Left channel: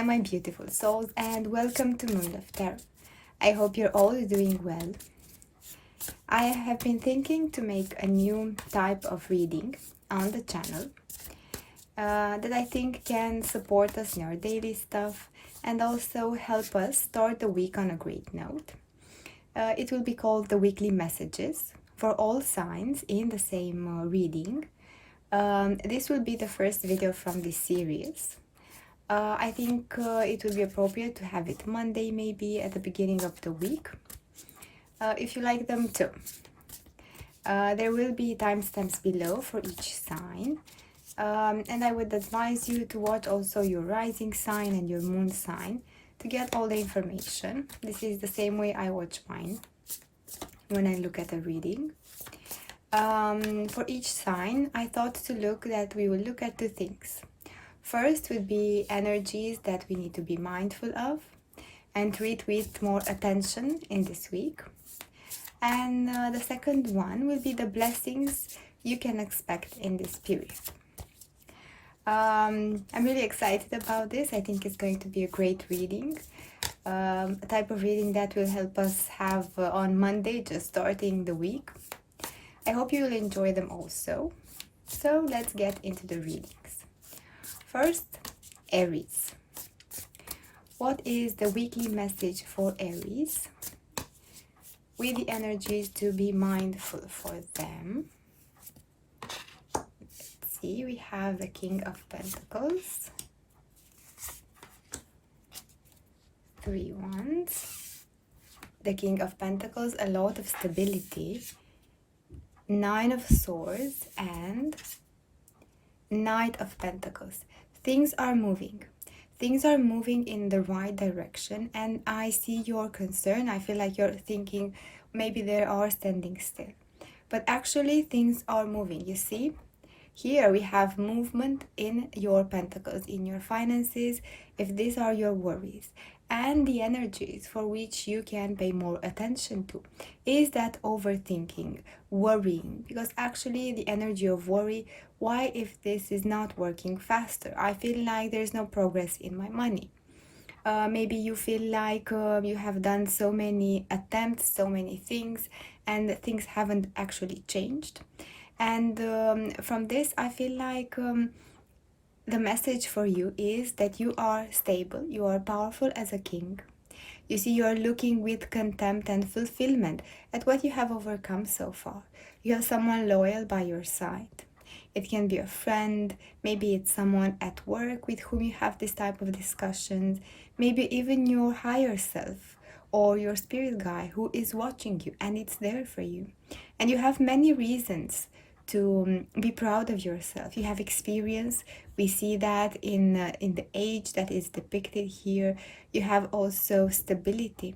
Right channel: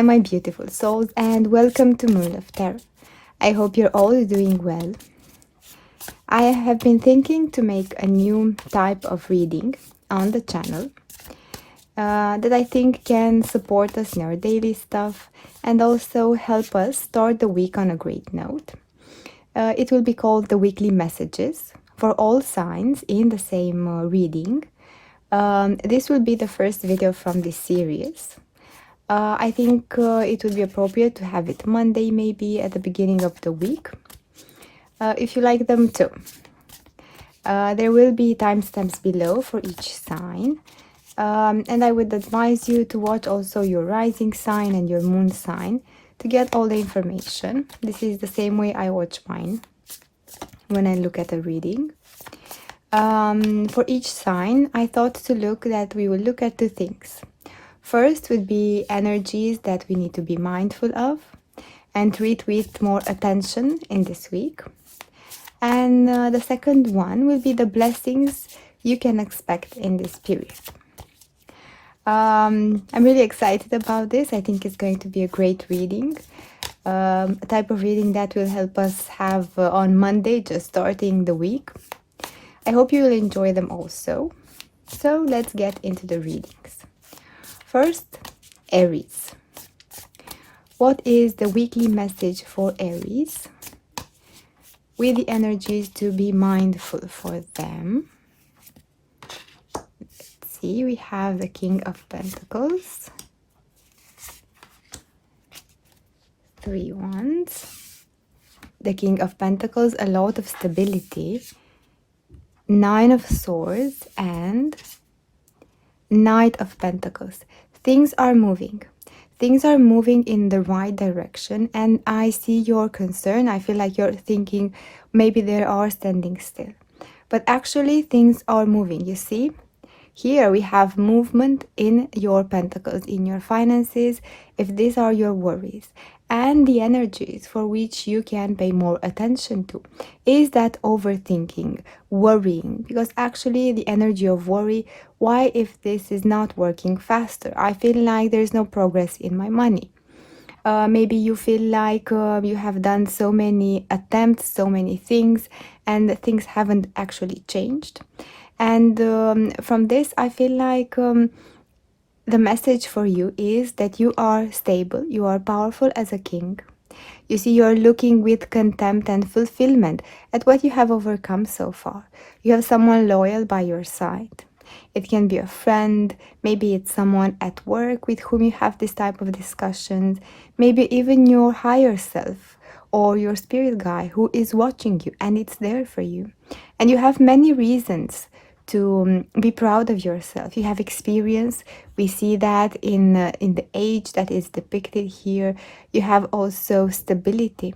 Hi my beautiful souls, and welcome to Moon of Tarot. I hope you're all doing well. I have been thinking to make a new type of reading on the channel that I think can support us in our daily stuff and also help us start the week on a great note. It will be called the weekly messages for all signs in the same reading. This will be the first video from this series. I think it would be appropriate to have it Monday, maybe at the beginning of the week, if you like them too. There will be timestamps below for each sign, and I would advise you to watch also your rising sign and your moon sign to get all the information. This is the same way I watch mine when I look at a reading. For each sign, I thought to look that we will look at two things. First would be energies that we need to be mindful of and treat with more attention in this week. And the second one will be the blessings you can expect in this period. I'm really excited about this. I think it's going to be a great reading. A type of reading that will help us have on Monday, just starting the week. I hope you will enjoy them also. So let's get into the readings. First, Aries. What is the weekly message for Aries? With the energies to be mindful for them. Let's see, we have the King of Pentacles. 3 Wands. The King of Pentacles, a lot of stability. 9 of Swords and Knight of Pentacles. Things are moving. Things are moving in the right direction, and I see your concern. I feel like you're thinking maybe they are standing still. But actually things are moving. You see? Here we have movement in your pentacles, in your finances, if these are your worries. And the energies for which you can pay more attention to is that overthinking, worrying, because actually the energy of worry, why if this is not working faster? I feel like there's no progress in my money. Maybe you feel like you have done so many attempts, so many things, and things haven't actually changed. And from this, I feel like the message for you is that you are stable, you are powerful as a king. You see, you're looking with contempt and fulfillment at what you have overcome so far. You have someone loyal by your side. It can be a friend, maybe it's someone at work with whom you have this type of discussions, maybe even your higher self or your spirit guide who is watching you and it's there for you. And you have many reasons to be proud of yourself. You have experience. We see that in the age that is depicted here. You have also stability.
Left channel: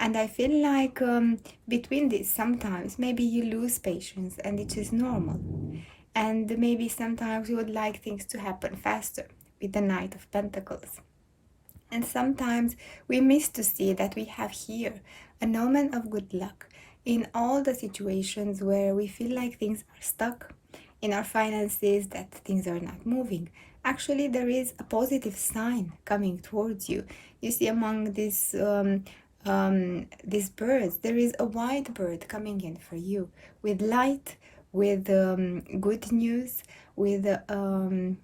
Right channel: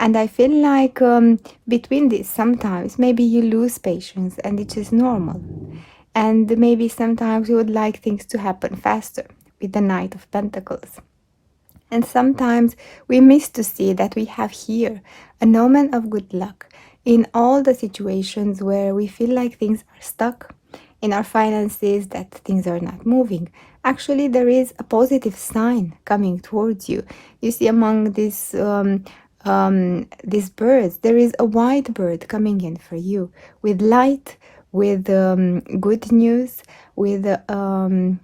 And I feel like between these, sometimes maybe you lose patience, and it is normal. And maybe sometimes you would like things to happen faster with the Knight of Pentacles. And sometimes we miss to see that we have here an omen of good luck in all the situations where we feel like things are stuck in our finances, that things are not moving. Actually, there is a positive sign coming towards you. You see, among these birds, there is a white bird coming in for you with light, with good news, with a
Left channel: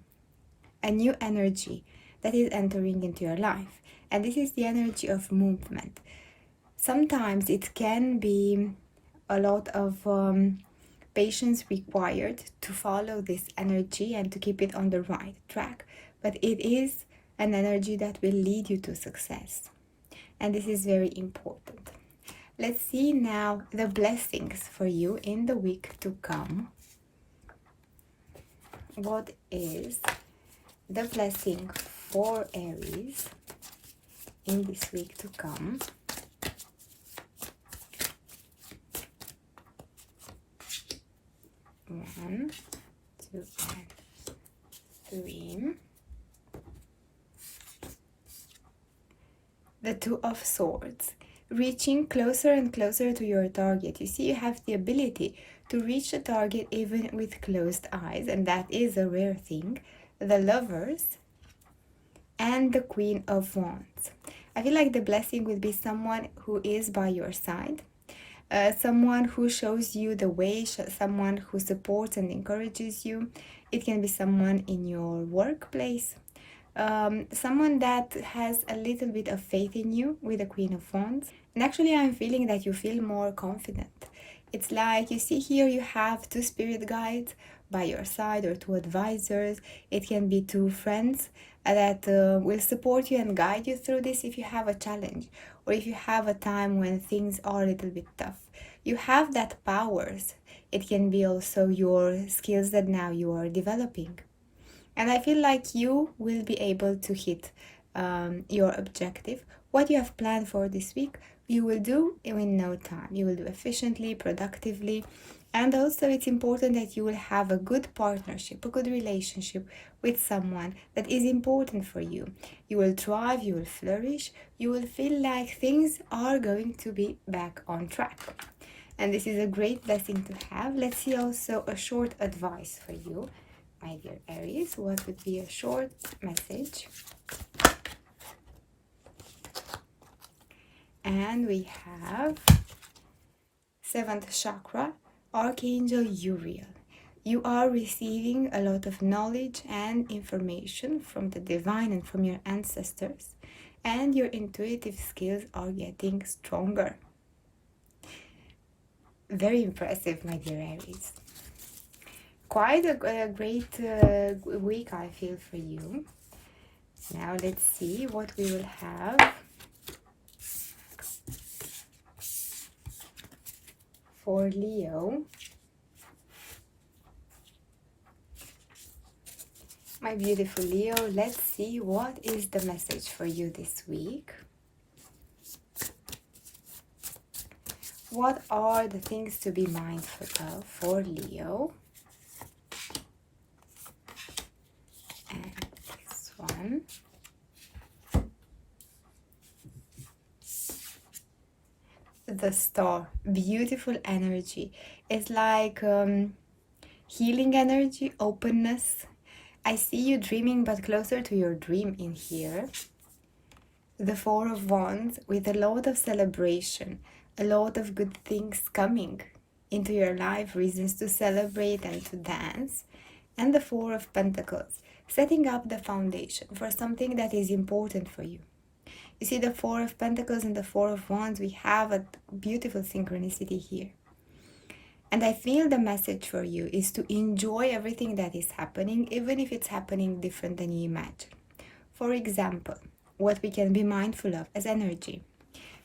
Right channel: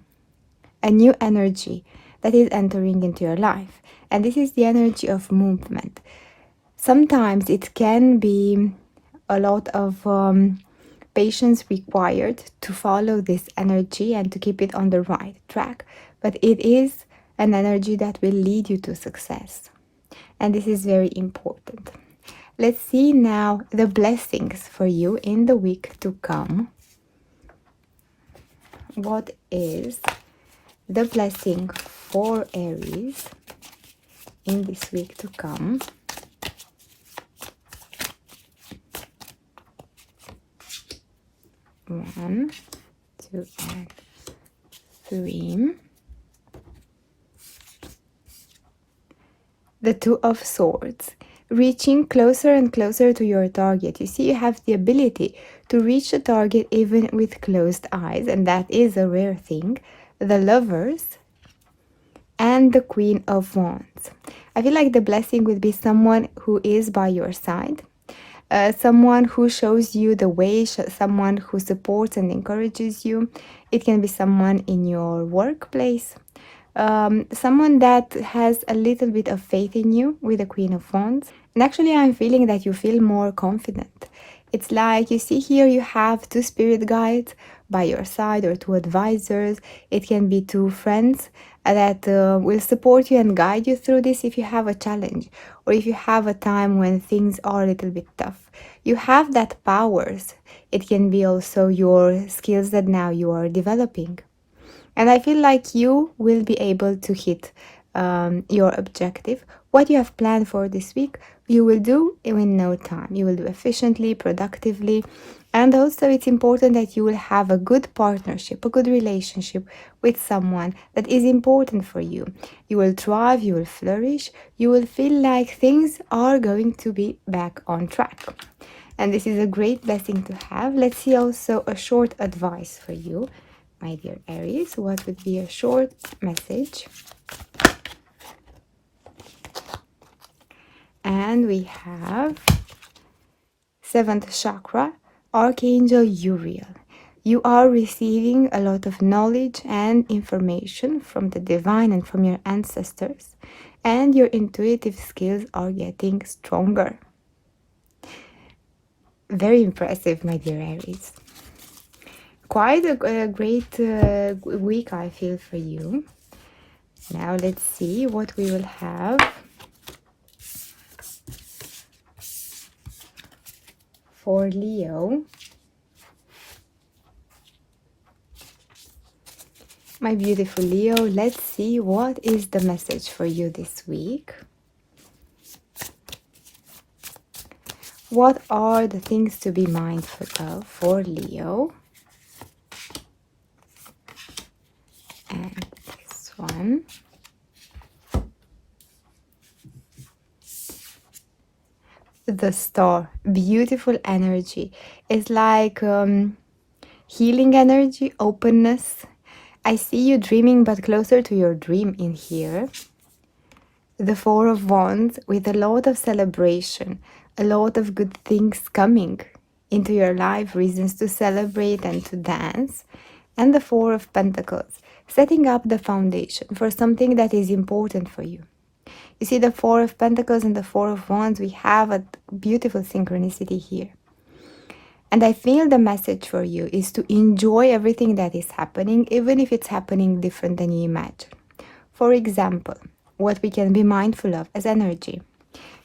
new energy that is entering into your life. And this is the energy of movement. Sometimes it can be a lot of patience required to follow this energy and to keep it on the right track. But it is an energy that will lead you to success. And this is very important. Let's see now the blessings for you in the week to come. What is the blessing for Aries in this week to come? One, two, and 3. The 2 of Swords. Reaching closer and closer to your target. You see, you have the ability to reach the target even with closed eyes, and that is a rare thing. The Lovers and the Queen of Wands. I feel like the blessing would be someone who is by your side, someone who shows you the way, someone who supports and encourages you. It can be someone in your workplace, someone that has a little bit of faith in you with the Queen of Wands. And actually, I'm feeling that you feel more confident. It's like you see here, you have two spirit guides by your side or two advisors. It can be two friends that will support you and guide you through this if you have a challenge or if you have a time when things are a little bit tough. You have that powers. It can be also your skills that now you are developing. And I feel like you will be able to hit your objective. What you have planned for this week, you will do in no time. You will do efficiently, productively. And also it's important that you will have a good partnership, a good relationship with someone that is important for you. You will thrive, you will flourish, you will feel like things are going to be back on track. And this is a great blessing to have. Let's see also a short advice for you, my dear Aries. What would be a short message? And we have 7th chakra, Archangel Uriel. You are receiving a lot of knowledge and information from the divine and from your ancestors, and your intuitive skills are getting stronger. Very impressive, my dear Aries. Quite a great week, I feel, for you. Now let's see what we will have for Leo. My beautiful Leo, let's see what is the message for you this week. What are the things to be mindful of for Leo? And this one. The Star, beautiful energy. It's like healing energy, openness. I see you dreaming, but closer to your dream in here. The Four of Wands with a lot of celebration, a lot of good things coming into your life, reasons to celebrate and to dance. And the Four of Pentacles, setting up the foundation for something that is important for you. You see the Four of Pentacles and the Four of Wands, we have a beautiful synchronicity here. And I feel the message for you is to enjoy everything that is happening, even if it's happening different than you imagine. For example, what we can be mindful of as energy.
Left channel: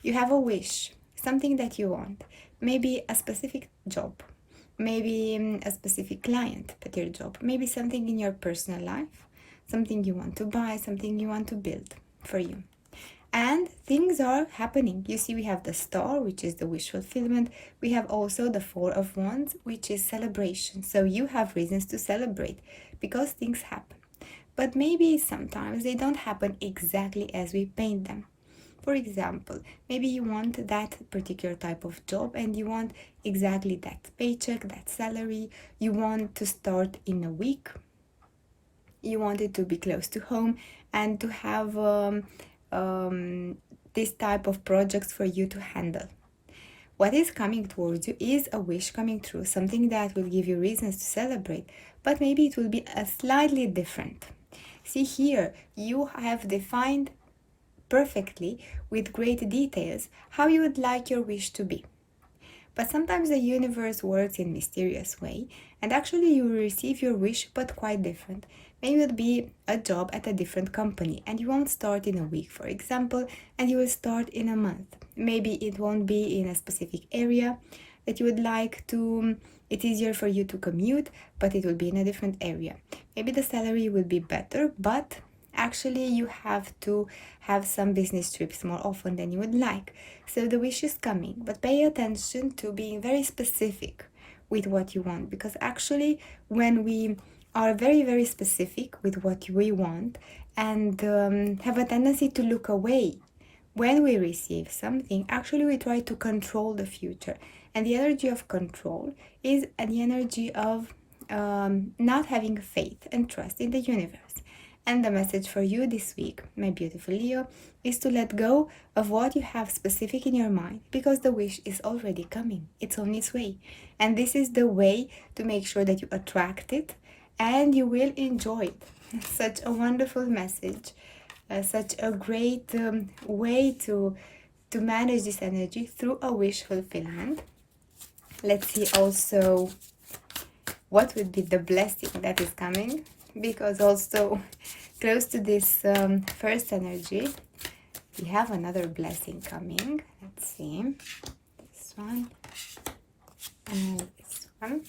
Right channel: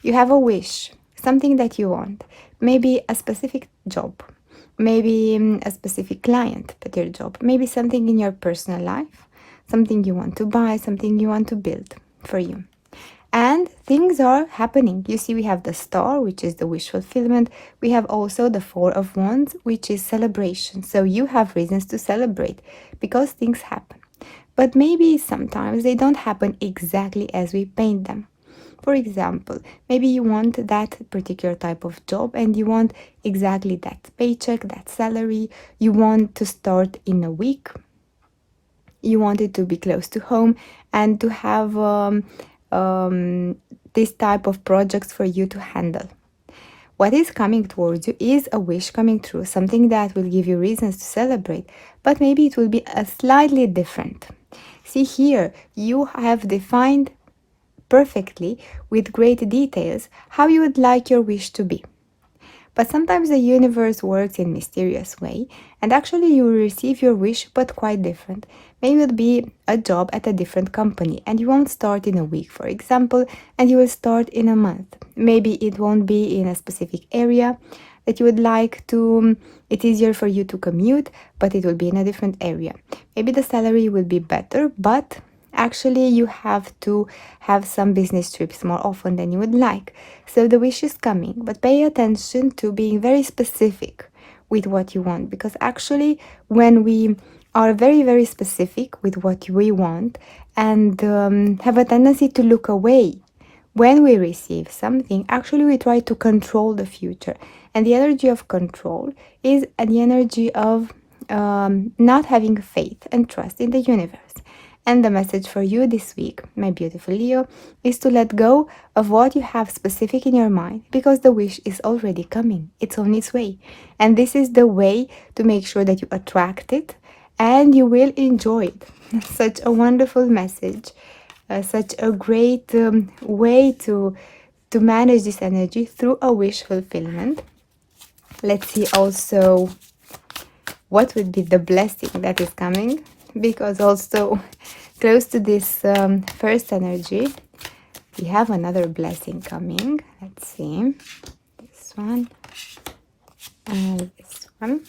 You have a wish, something that you want, maybe a specific job, maybe a specific client at your job, maybe something in your personal life, something you want to buy, something you want to build for you. And things are happening. You see, we have the Star, which is the wish fulfillment. We have also the Four of Wands, which is celebration. So you have reasons to celebrate because things happen. But maybe sometimes they don't happen exactly as we paint them. For example, maybe you want that particular type of job and you want exactly that paycheck, that salary. You want to start in a week. You want it to be close to home and to have this type of projects for you to handle. What is coming towards you is a wish coming true, something that will give you reasons to celebrate, but maybe it will be a slightly different. See here, you have defined perfectly with great details how you would like your wish to be. But sometimes the universe works in a mysterious way, and actually you will receive your wish but quite different. Maybe it will be a job at a different company and you won't start in a week, for example, and you will start in a month. Maybe it won't be in a specific area that you would like to, it's easier for you to commute, but it will be in a different area. Maybe the salary will be better, but actually you have to have some business trips more often than you would like. So the wish is coming, but pay attention to being very specific with what you want, because actually when we are very, very specific with what we want and have a tendency to look away when we receive something, actually we try to control the future. And the energy of control is the energy of not having faith and trust in the universe. And the message for you this week, my beautiful Leo, is to let go of what you have specific in your mind, because the wish is already coming. It's on its way. And this is the way to make sure that you attract it and you will enjoy it. Such a wonderful message, such a great way to manage this energy through a wish fulfillment. Let's see also what would be the blessing that is coming, because also close to this first energy we have another blessing coming. Let's see, this one and this one.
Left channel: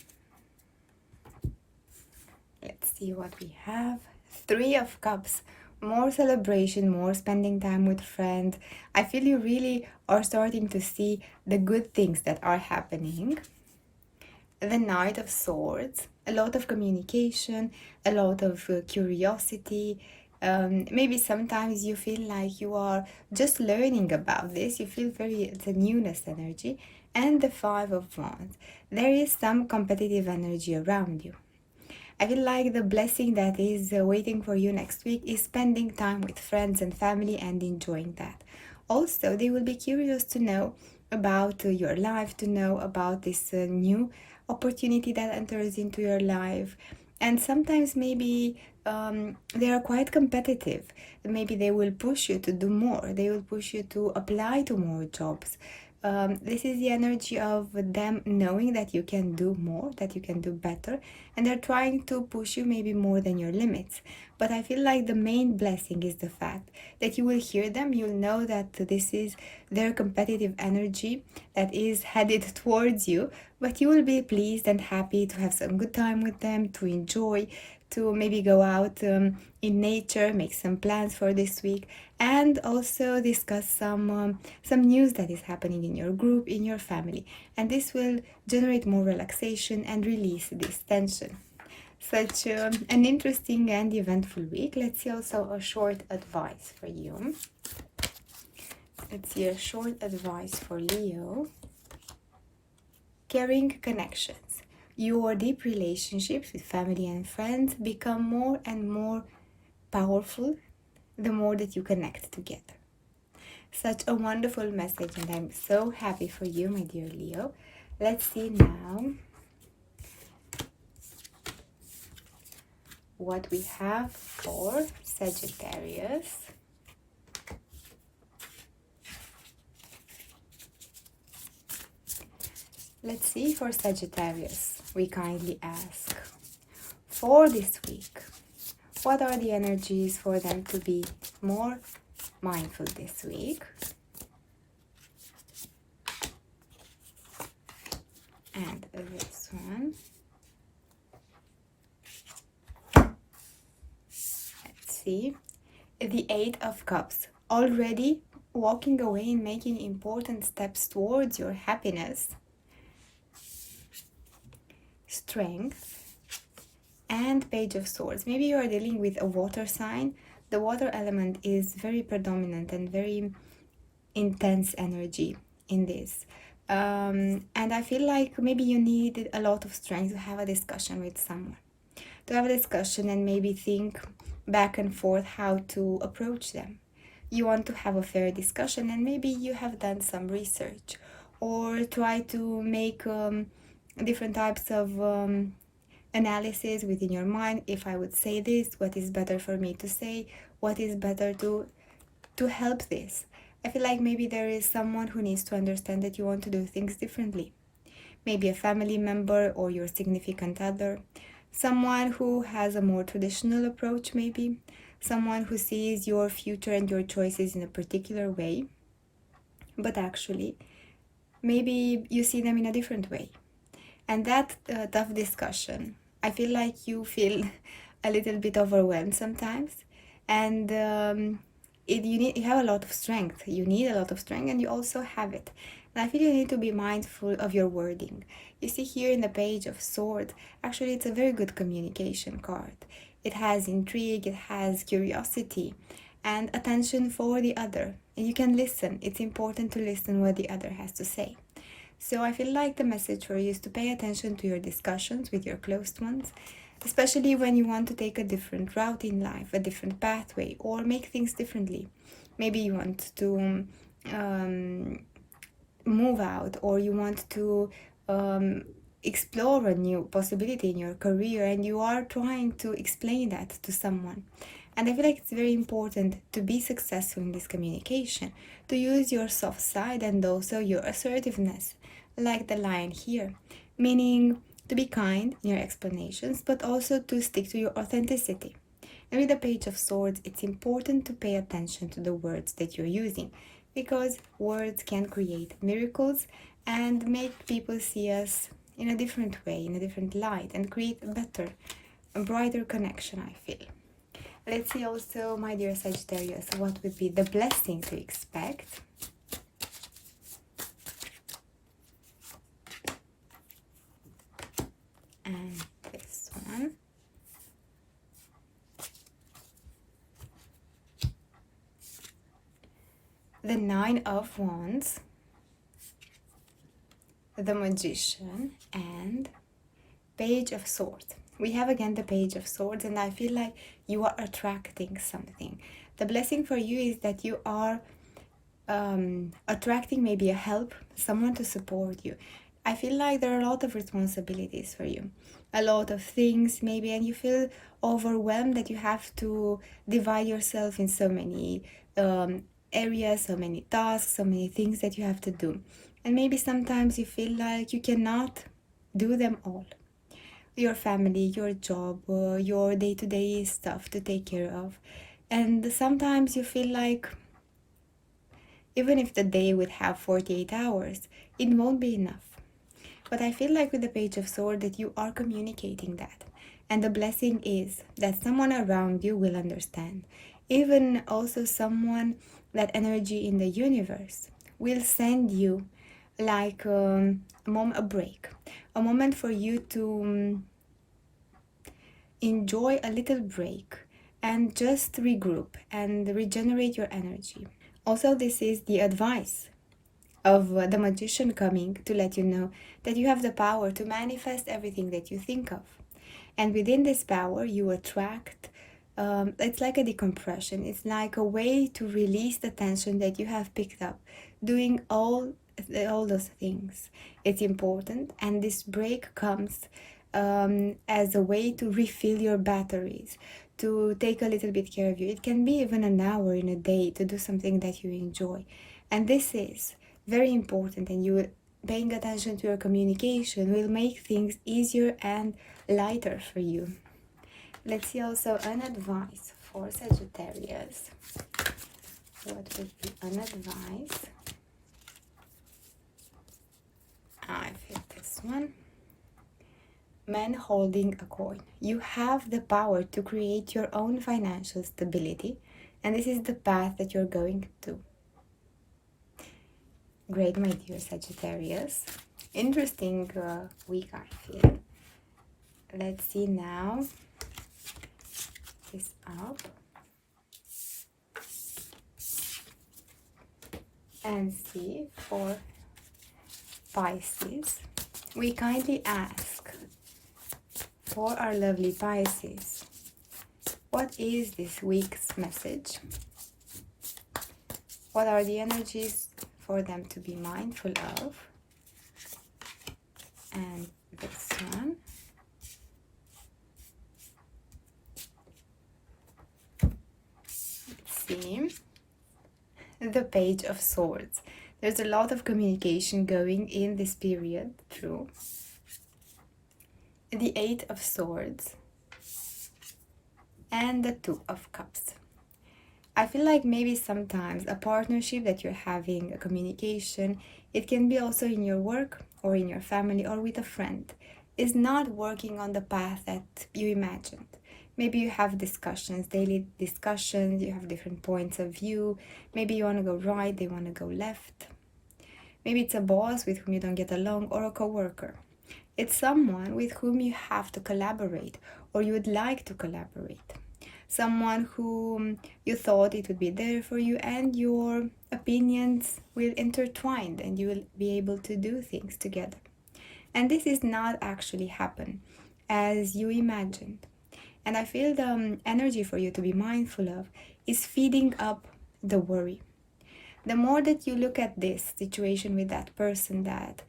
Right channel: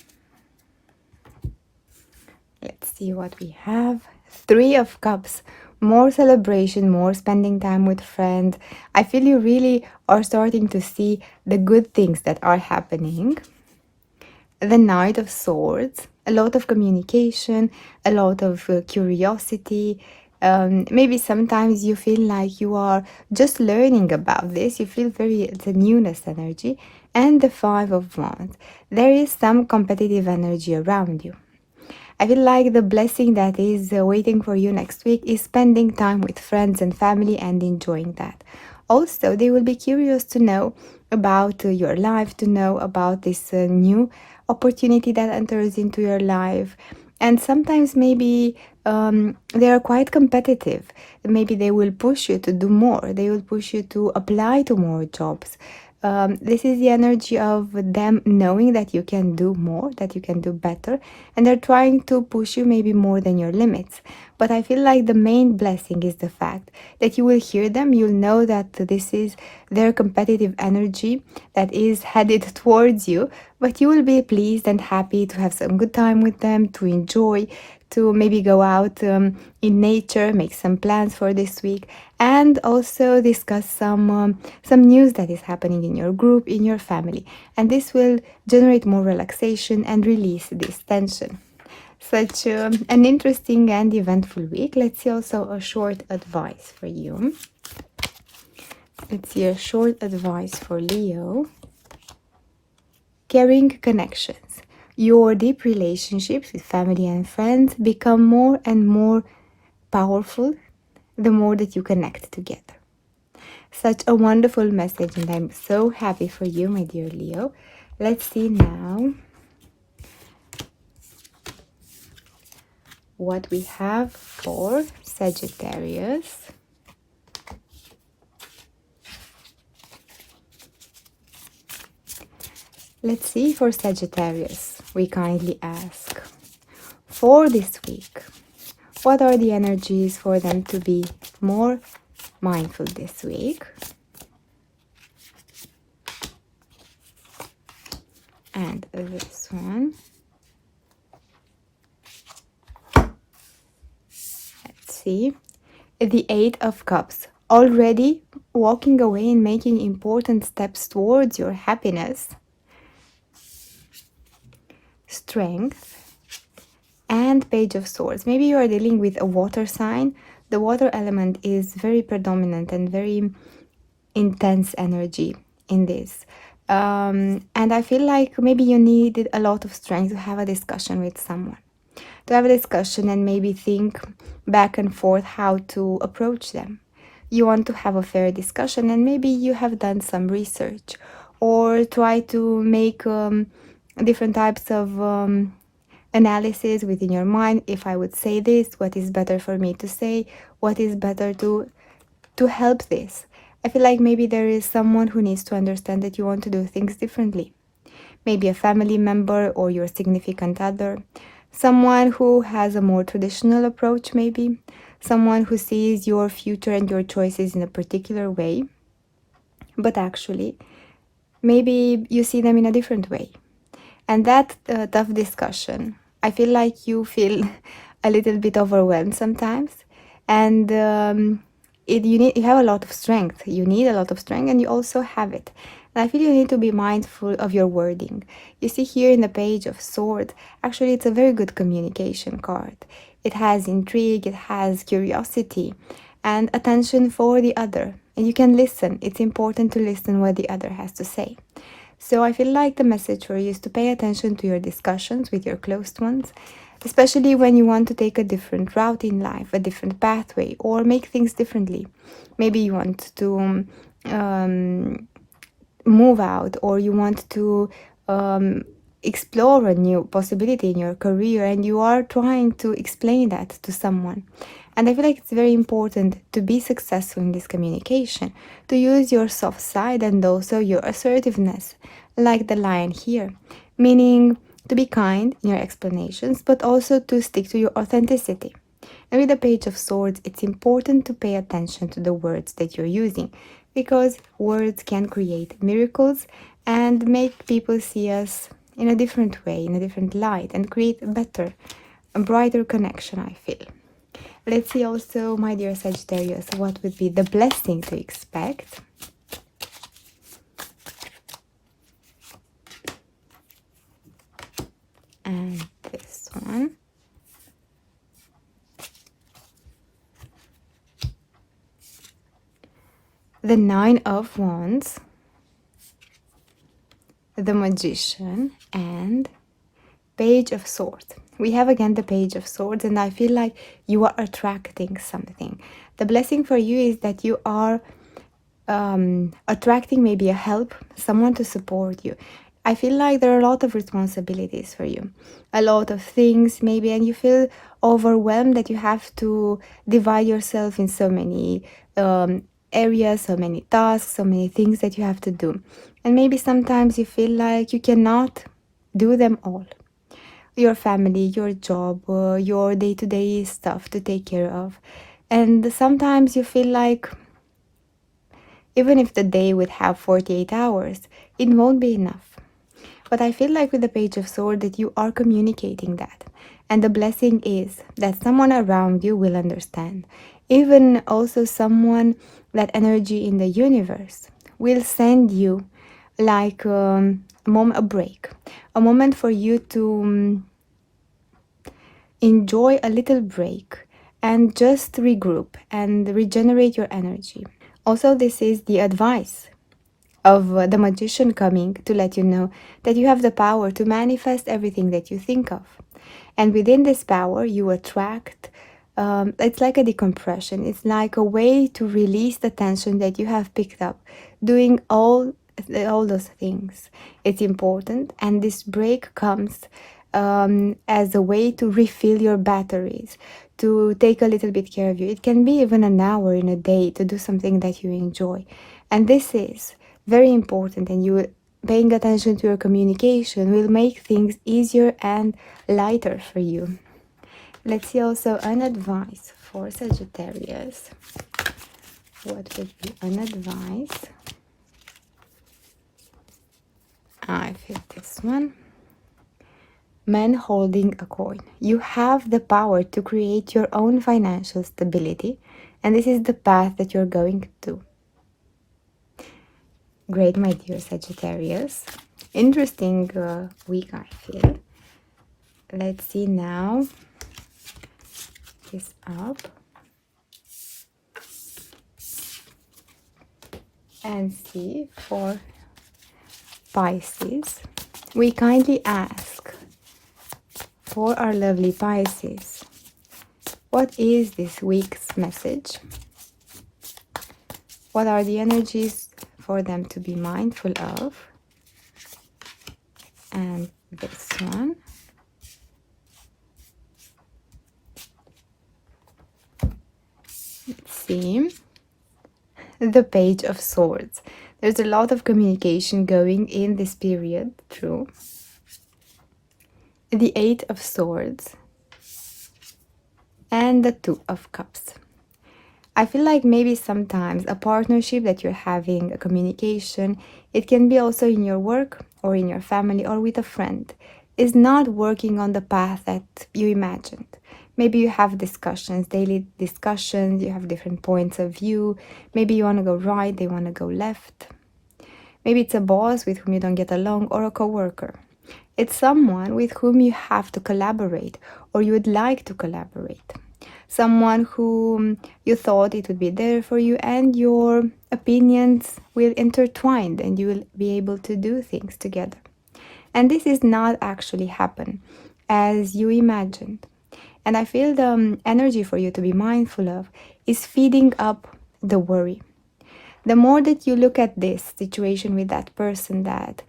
Let's see what we have. Three of Cups. More celebration, more spending time with friends. I feel you really are starting to see the good things that are happening. The Knight of Swords. A lot of communication, a lot of curiosity. Maybe sometimes you feel like you are just learning about this. You feel it's a newness energy. And the Five of Wands. There is some competitive energy around you. I feel like the blessing that is waiting for you next week is spending time with friends and family and enjoying that. Also, they will be curious to know about your life, to know about this new opportunity that enters into your life. And sometimes maybe they are quite competitive. Maybe they will push you to do more. They will push you to apply to more jobs. This is the energy of them knowing that you can do more, that you can do better, and they're trying to push you maybe more than your limits. But I feel like the main blessing is the fact that you will hear them, you'll know that this is their competitive energy that is headed towards you, but you will be pleased and happy to have some good time with them, to enjoy, to maybe go out in nature, make some plans for this week, and also discuss some news that is happening in your group, in your family. And this will generate more relaxation and release this tension. Such an interesting and eventful week. Let's see also a short advice for you. Let's see a short advice for Leo. Caring connections. Your deep relationships with family and friends become more and more powerful the more that you connect together. Such a wonderful message, and I'm so happy for you, my dear Leo. Let's see now what we have for Sagittarius. Let's see for Sagittarius, we kindly ask for this week. What are the energies for them to be more mindful this week? And this one. Let's see. The Eight of Cups. Already walking away and making important steps towards your happiness. Strength. And Page of Swords. Maybe you are dealing with a water sign. The water element is very predominant and very intense energy in this. And I feel like maybe you needed a lot of strength to have a discussion with someone. To have a discussion and maybe think back and forth how to approach them. You want to have a fair discussion, and maybe you have done some research or try to make different types of analysis within your mind. If I would say this, what is better for me to say? What is better to help this? I feel like maybe there is someone who needs to understand that you want to do things differently. Maybe a family member or your significant other. Someone who has a more traditional approach, maybe. Someone who sees your future and your choices in a particular way. But actually, maybe you see them in a different way. And that tough discussion, I feel like you feel a little bit overwhelmed sometimes. And you have a lot of strength. You need a lot of strength, and you also have it. And I feel you need to be mindful of your wording. You see here in the Page of Swords, actually it's a very good communication card. It has intrigue, it has curiosity, and attention for the other. And you can listen. It's important to listen what the other has to say. So I feel like the message for you is to pay attention to your discussions with your close ones. especially when you want to take a different route in life, a different pathway, or make things differently. Maybe you want to move out, or you want to explore a new possibility in your career, and you are trying to explain that to someone. And I feel like it's very important to be successful in this communication, to use your soft side and also your assertiveness, like the line here, meaning to be kind in your explanations, but also to stick to your authenticity. And with the Page of Swords, it's important to pay attention to the words that you're using, because words can create miracles and make people see us in a different way, in a different light, and create a brighter connection, I feel. Let's see also, my dear Sagittarius, what would be the blessing to expect. And this one. The Nine of Wands, the Magician, and Page of Swords. We have again the Page of Swords, and I feel like you are attracting something. The blessing for you is that you are attracting maybe a help, someone to support you. I feel like there are a lot of responsibilities for you, a lot of things maybe, and you feel overwhelmed that you have to divide yourself in so many areas, so many tasks, so many things that you have to do. And maybe sometimes you feel like you cannot do them all. Your family, your job, your day-to-day stuff to take care of. And sometimes you feel like even if the day would have 48 hours, it won't be enough. But I feel like with the Page of Swords that you are communicating that. And the blessing is that someone around you will understand. Even also someone, that energy in the universe, will send you like a break. A moment for you to enjoy a little break and just regroup and regenerate your energy. Also, this is the advice of the Magician coming to let you know that you have the power to manifest everything that you think of. And within this power, you attract, it's like a decompression. It's like a way to release the tension that you have picked up doing all those things. It's important, and this break comes as a way to refill your batteries, to take a little bit care of you. It can be even an hour in a day to do something that you enjoy. And this is very important, and you paying attention to your communication will make things easier and lighter for you. Let's see also an advice for Sagittarius. What would be an advice? I feel this one. Man holding a coin. You have the power to create your own financial stability, and this is the path that you're going to. Great, my dear Sagittarius. Interesting week, I feel. Let's see now. This up. And see for Pisces. We kindly ask for our lovely Pisces, what is this week's message? What are the energies for them to be mindful of? And this one. Let's see. The Page of Swords. There's a lot of communication going in this period, true. The Eight of Swords. And the Two of Cups. I feel like maybe sometimes a partnership that you're having, a communication, it can be also in your work or in your family or with a friend, is not working on the path that you imagined. Maybe you have discussions, daily discussions, you have different points of view. Maybe you want to go right, they want to go left. Maybe it's a boss with whom you don't get along, or a coworker. It's someone with whom you have to collaborate, or you would like to collaborate. Someone who you thought it would be there for you, and your opinions will intertwine and you will be able to do things together. And this is not actually happen. as you imagined. And I feel the energy for you to be mindful of is feeding up the worry. The more that you look at this situation with that person, that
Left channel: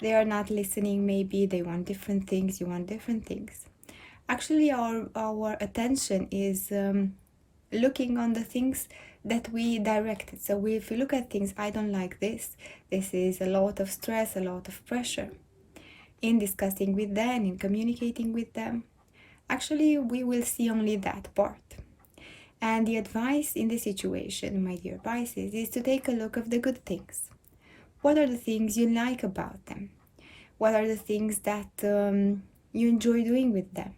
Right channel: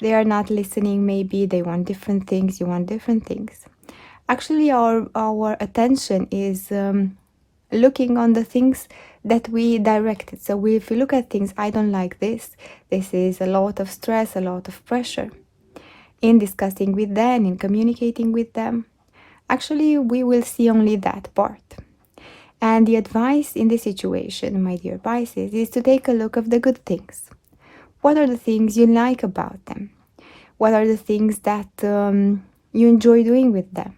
they are not listening, maybe they want different things, you want different things. Actually, our attention is looking on the things that we directed. So if we look at things, I don't like this, this is a lot of stress, a lot of pressure. In discussing with them, in communicating with them, actually we will see only that part. And the advice in this situation, my dear Pisces, is to take a look of the good things. What are the things you like about them? What are the things that you enjoy doing with them?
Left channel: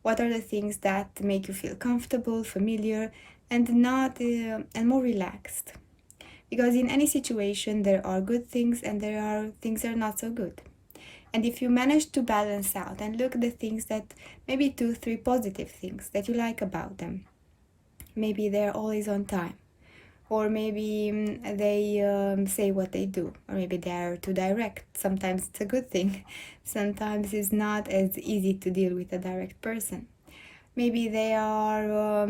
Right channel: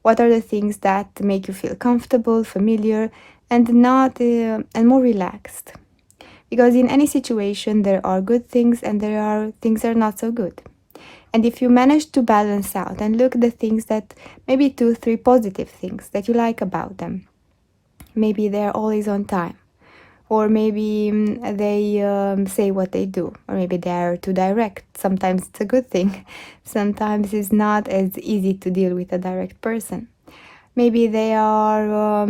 What are the things that make you feel comfortable, familiar, and not and more relaxed? Because in any situation there are good things and there are things that are not so good. And if you manage to balance out and look at the things that, maybe 2-3 positive things that you like about them, maybe they're always on time, or maybe they say what they do, or maybe they're too direct. Sometimes it's a good thing, sometimes it's not as easy to deal with a direct person. Maybe they are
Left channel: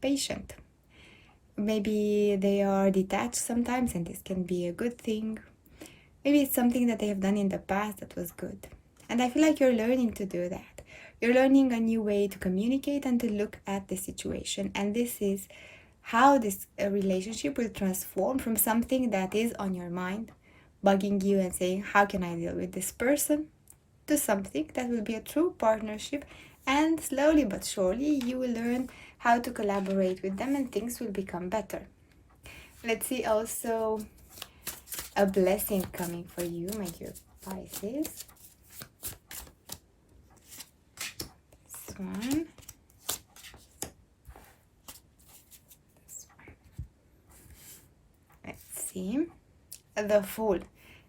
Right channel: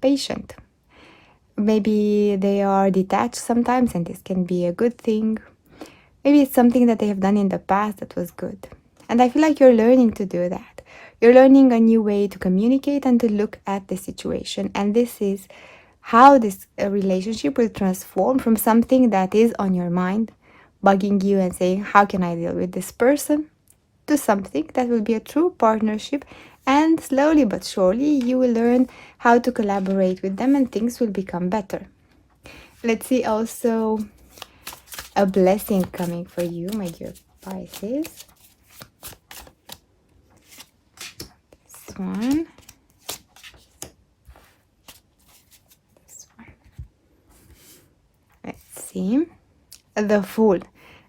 patient, maybe they are detached sometimes, and this can be a good thing. Maybe it's something that they have done in the past that was good. And I feel like you're learning to do that. You're learning a new way to communicate and to look at the situation. And this is how this relationship will transform from something that is on your mind, bugging you and saying, how can I deal with this person? To something that will be a true partnership. And slowly but surely, you will learn how to collaborate with them and things will become better. Let's see also a blessing coming for you, my dear Pisces. This one. This one. Let's see. The Fool.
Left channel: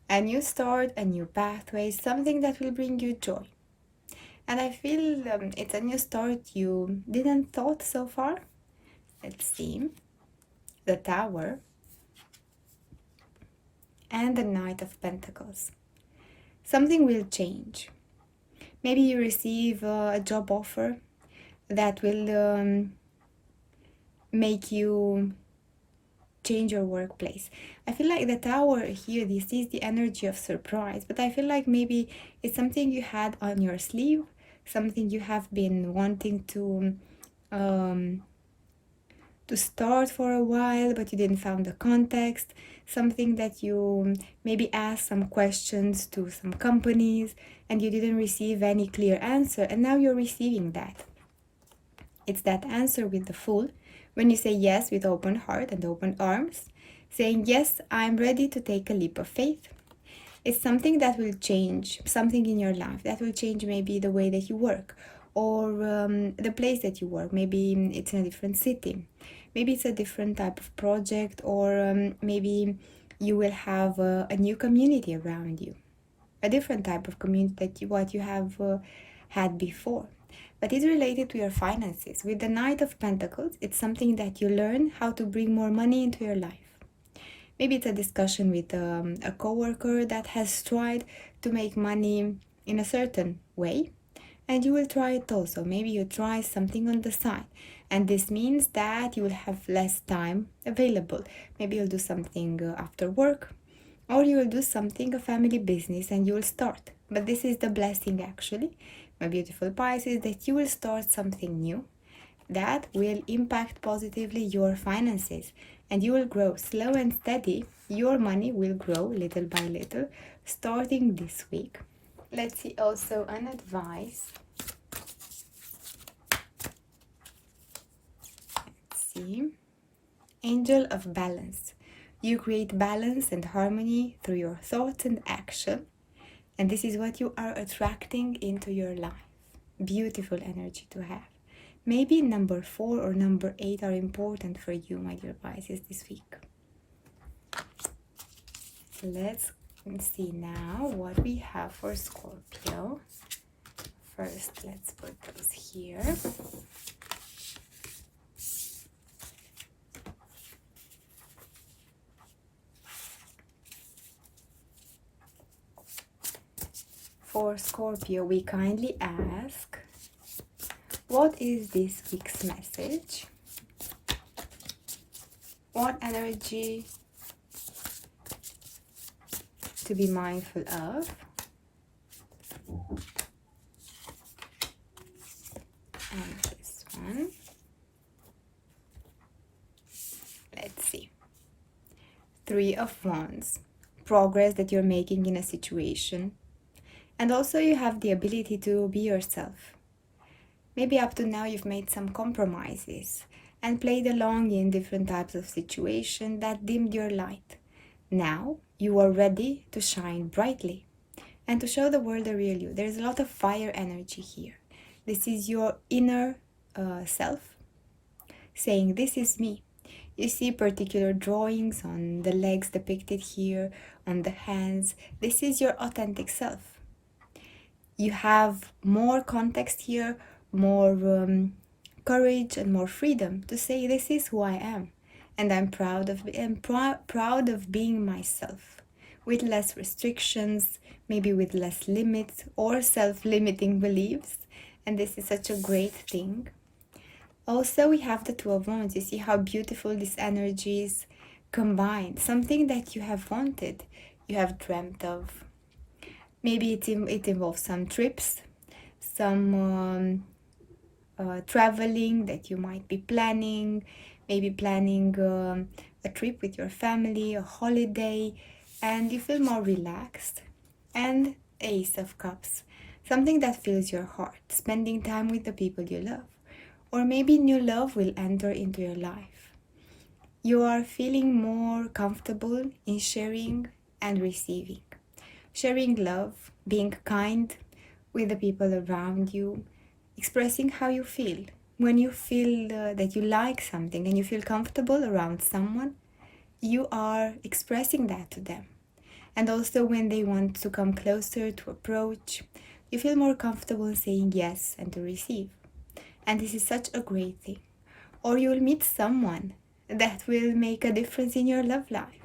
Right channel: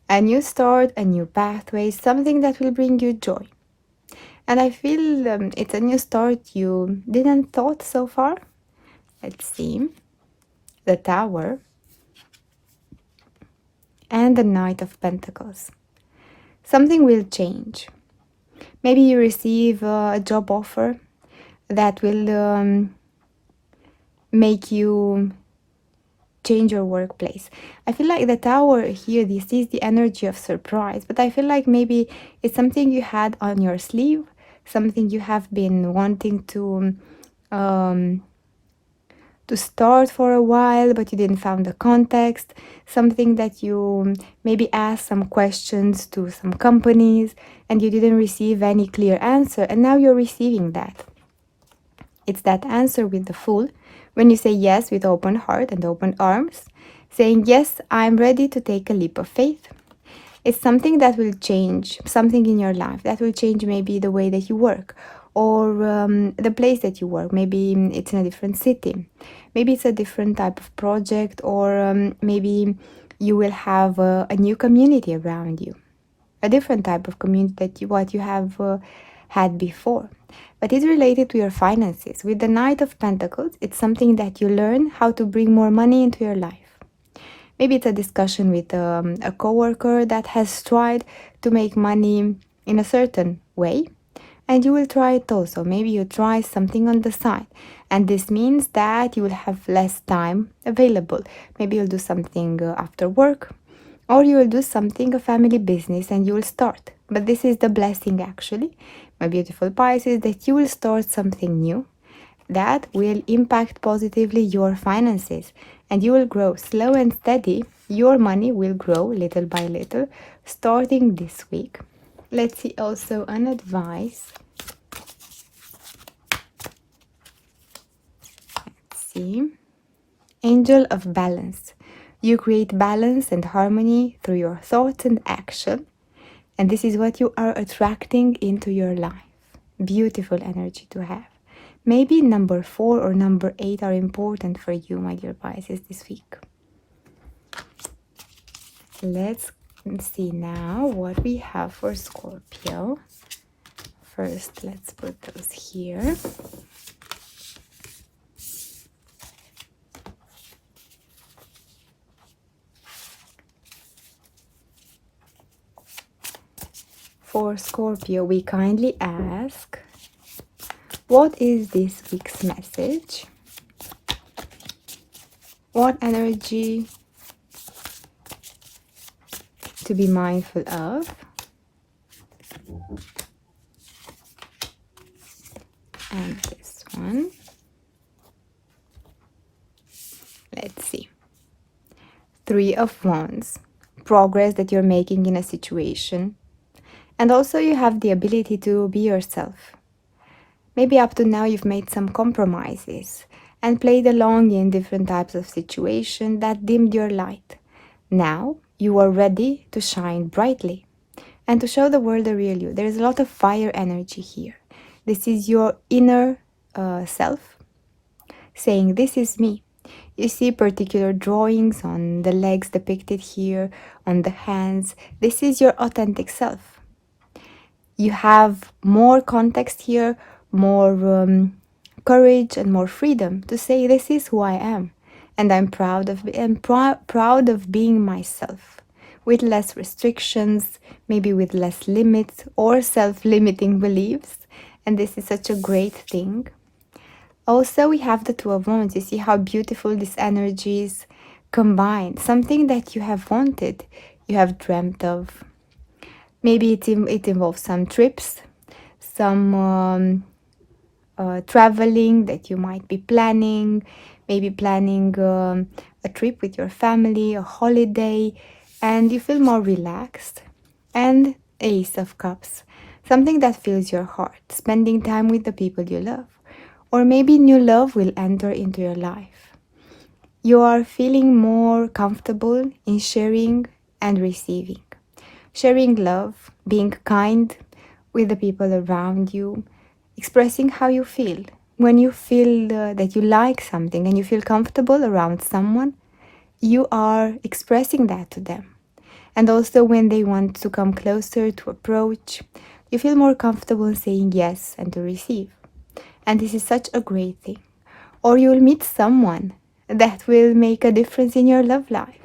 A new start, a new pathway, something that will bring you joy. And I feel it's a new start you didn't thought so far. Let's see. The Tower. And the Knight of Pentacles. Something will change. Maybe you receive a job offer that will make you change your workplace. I feel like the Tower here, this is the energy of surprise, but I feel like maybe it's something you had on your sleeve, something you have been wanting to start for a while, but you didn't find the context, something that you maybe asked some questions to some companies and you didn't receive any clear answer, and now you're receiving that. It's that answer with the Fool, when you say yes with open heart and open arms, saying, yes, I'm ready to take a leap of faith. It's something that will change something in your life, that will change maybe the way that you work, or the place that you work. Maybe it's in a different city, maybe it's a different type of project, or maybe you will have a new community around you, a different type of community that what you have had before. But it's related to your finances. With the Knight of Pentacles, it's something that you learn how to bring more money into your life. Maybe it's a discussion with a coworker that has tried to make money in a certain way, and you will try it also. Maybe you try something on the side, and this means that you will have less time available. Maybe you'll do something after work, or you will do something, a family business, and you will start. But this is the blessing, actually, my beautiful Pisces, that you will start something new that will impact positively your finances, and you will grow slow and steady. Your money will grow little by little starting this week. Let's see also an advice. Let's see. Angel of Balance. You create balance and harmony through your thoughts and action, and this is what you are attracting into your life. Beautiful energy to have. Maybe number 4 or number 8 are important for you, my dear Pisces, this week. Let's see now what we have for Scorpio. First, let's put those here. for Scorpio, we kindly ask, what is this week's message? What energy to be mindful of? And this one. Let's see. 3 of Wands. Progress that you're making in a situation. And also you have the ability to be yourself. Maybe up to now you've made some compromises and played along in different types of situations that dimmed your light. Now you are ready to shine brightly and to show the world the real you. There is a lot of fire energy here. This is your inner self saying, this is me. You see particular drawings on the legs depicted here, on the hands. This is your authentic self. You have more context here, more courage and more freedom to say, this is who I am. And I'm proud of being myself, with less restrictions, maybe with less limits or self-limiting beliefs. And this is such a great thing. Also, we have the 2 of Wands. You see how beautiful these energies combine. Something that you have wanted, you have dreamt of. Maybe it involves some trips, some traveling that you might be planning. Maybe planning a trip with your family, a holiday, and you feel more relaxed. And Ace of Cups. Something that fills your heart. Spending time with the people you love. Or maybe new love will enter into your life. You are feeling more comfortable in sharing and receiving. Sharing love, being kind with the people around you, expressing how you feel. When you feel that you like something and you feel comfortable around someone, you are expressing that to them. And also when they want to come closer, to approach, you feel more comfortable in saying yes and to receive. And this is such a great thing. Or you will meet someone that will make a difference in your love life.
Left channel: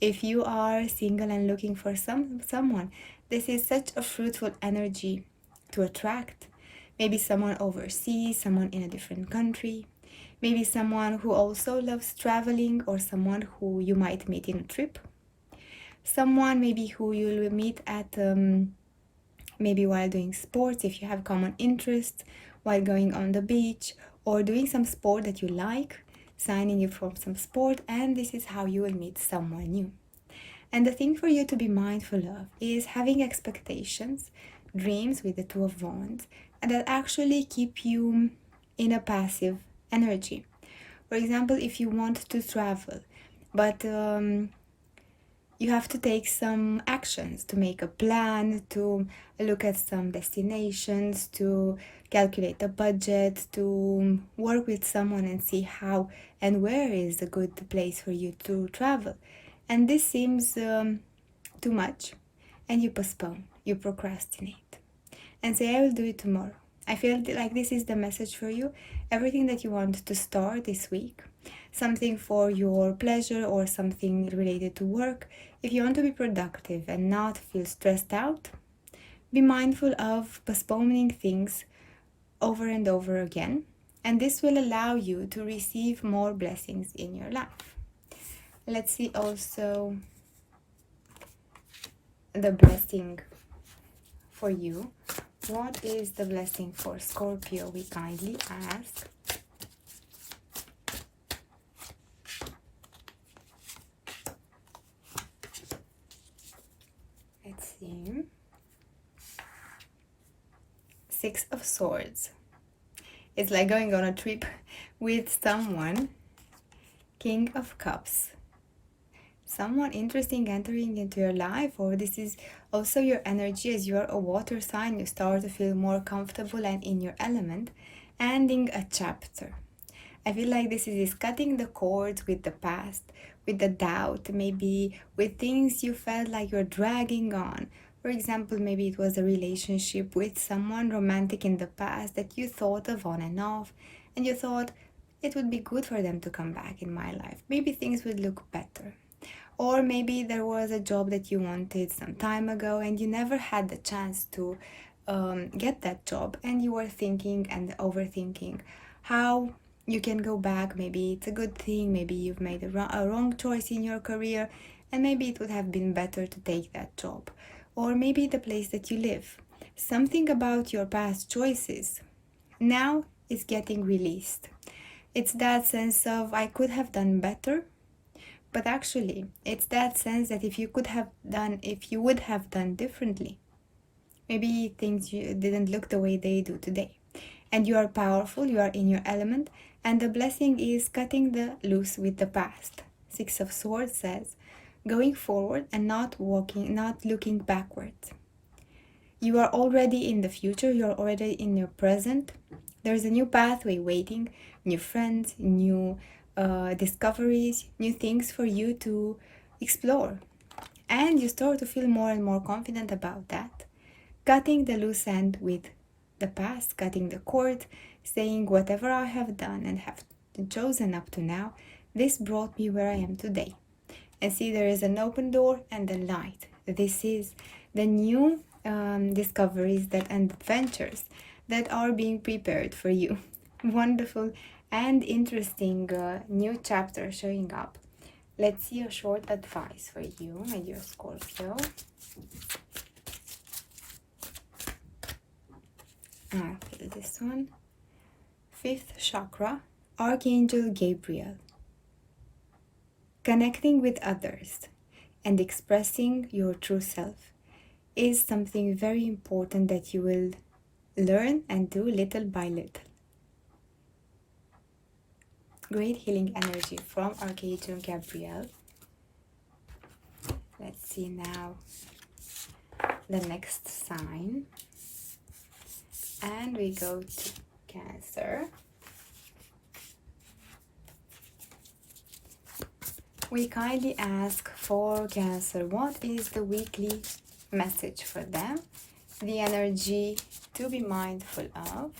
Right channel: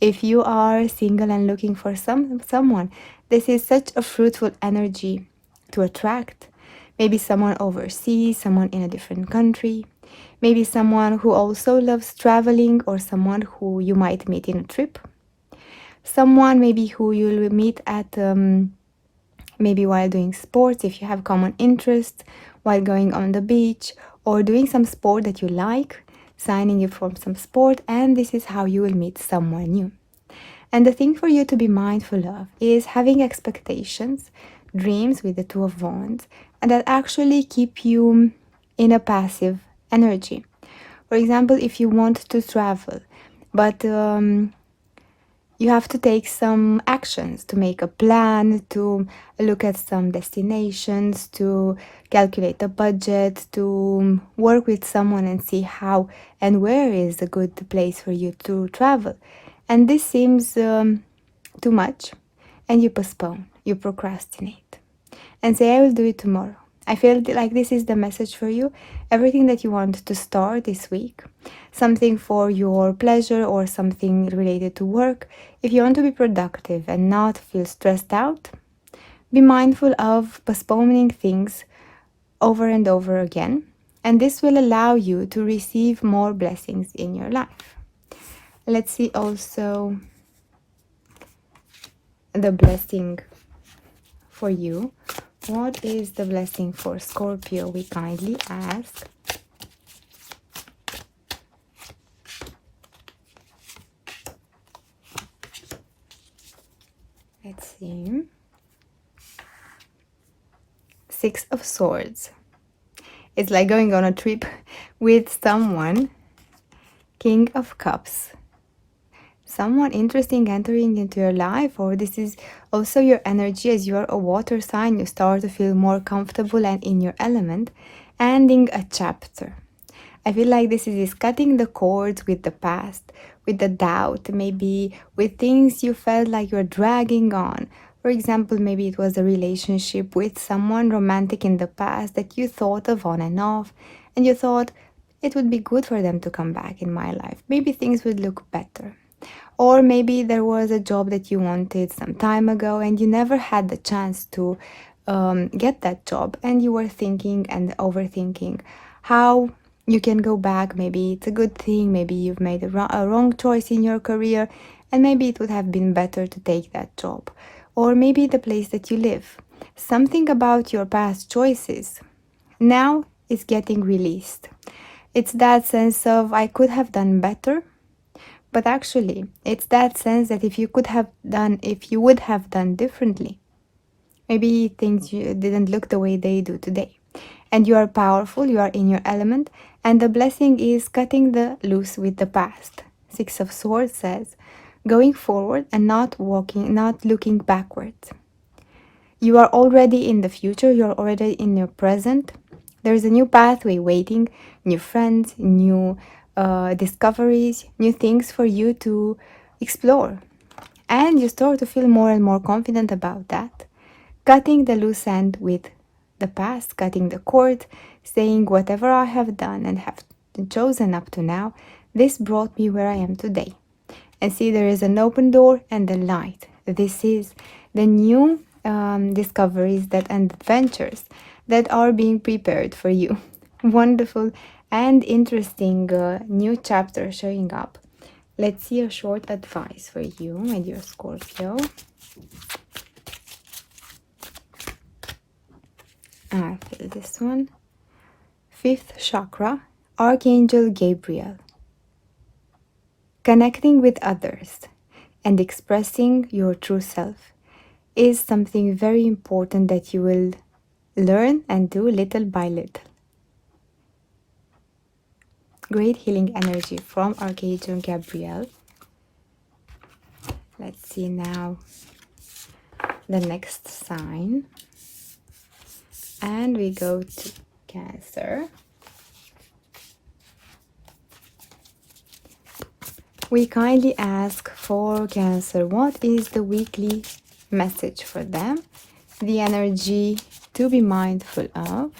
If you are single and looking for someone, this is such a fruitful energy to attract. Maybe someone overseas, someone in a different country. Maybe someone who also loves traveling, or someone who you might meet in a trip. Someone maybe who you'll meet at maybe while doing sports, if you have common interests, while going on the beach, or doing some sport that you like, signing up for some sport, and this is how you will meet someone new. And the thing for you to be mindful of is having expectations, dreams with the 2 of Wands, and that actually keep you in a passive energy. For example, if you want to travel, but you have to take some actions, to make a plan, to look at some destinations, to calculate a budget, to work with someone and see how and where is a good place for you to travel. And this seems too much, and you postpone, you procrastinate, and say, I will do it tomorrow. I feel like this is the message for you. Everything that you want to start this week, something for your pleasure or something related to work, if you want to be productive and not feel stressed out, be mindful of postponing things over and over again. And this will allow you to receive more blessings in your life. Let's see also the blessing for you. What is the blessing for Scorpio? We kindly ask. Let's see. 6 of Swords. It's like going on a trip with someone. King of Cups. Someone interesting entering into your life, or this is also your energy as you are a water sign. You start to feel more comfortable and in your element, ending a chapter. I feel like this is cutting the cords with the past, with the doubt, maybe with things you felt like you're dragging on. For example, maybe it was a relationship with someone romantic in the past that you thought of on and off, and you thought it would be good for them to come back in my life. Maybe things would look better. Or maybe there was a job that you wanted some time ago and you never had the chance to get that job, and you were thinking and overthinking how you can go back. Maybe it's a good thing, maybe you've made a wrong choice in your career, and maybe it would have been better to take that job. Or maybe the place that you live. Something about your past choices now is getting released. It's that sense of I could have done better, but actually it's that sense that if you would have done differently, maybe things didn't look the way they do today. And you are powerful, you are in your element, and the blessing is cutting the loose with the past. Six of Swords says, going forward and not looking backwards. You are already in the future, you're already in your present. There is a new pathway waiting, new friends, new discoveries, new things for you to explore. And you start to feel more and more confident about that. Cutting the loose end with the past, cutting the cord, saying whatever I have done and have chosen up to now, this brought me where I am today. And see, there is an open door and the light. This is the new discoveries and adventures that are being prepared for you. Wonderful and interesting new chapter showing up. Let's see a short advice for you, my dear Scorpio. I feel this one. Fifth chakra, Archangel Gabriel. Connecting with others and expressing your true self is something very important that you will learn and do little by little. Great healing energy from Archangel Gabriel. Let's see now the next sign. And we go to Cancer. We kindly ask for Cancer, what is the weekly message for them? The energy to be mindful of.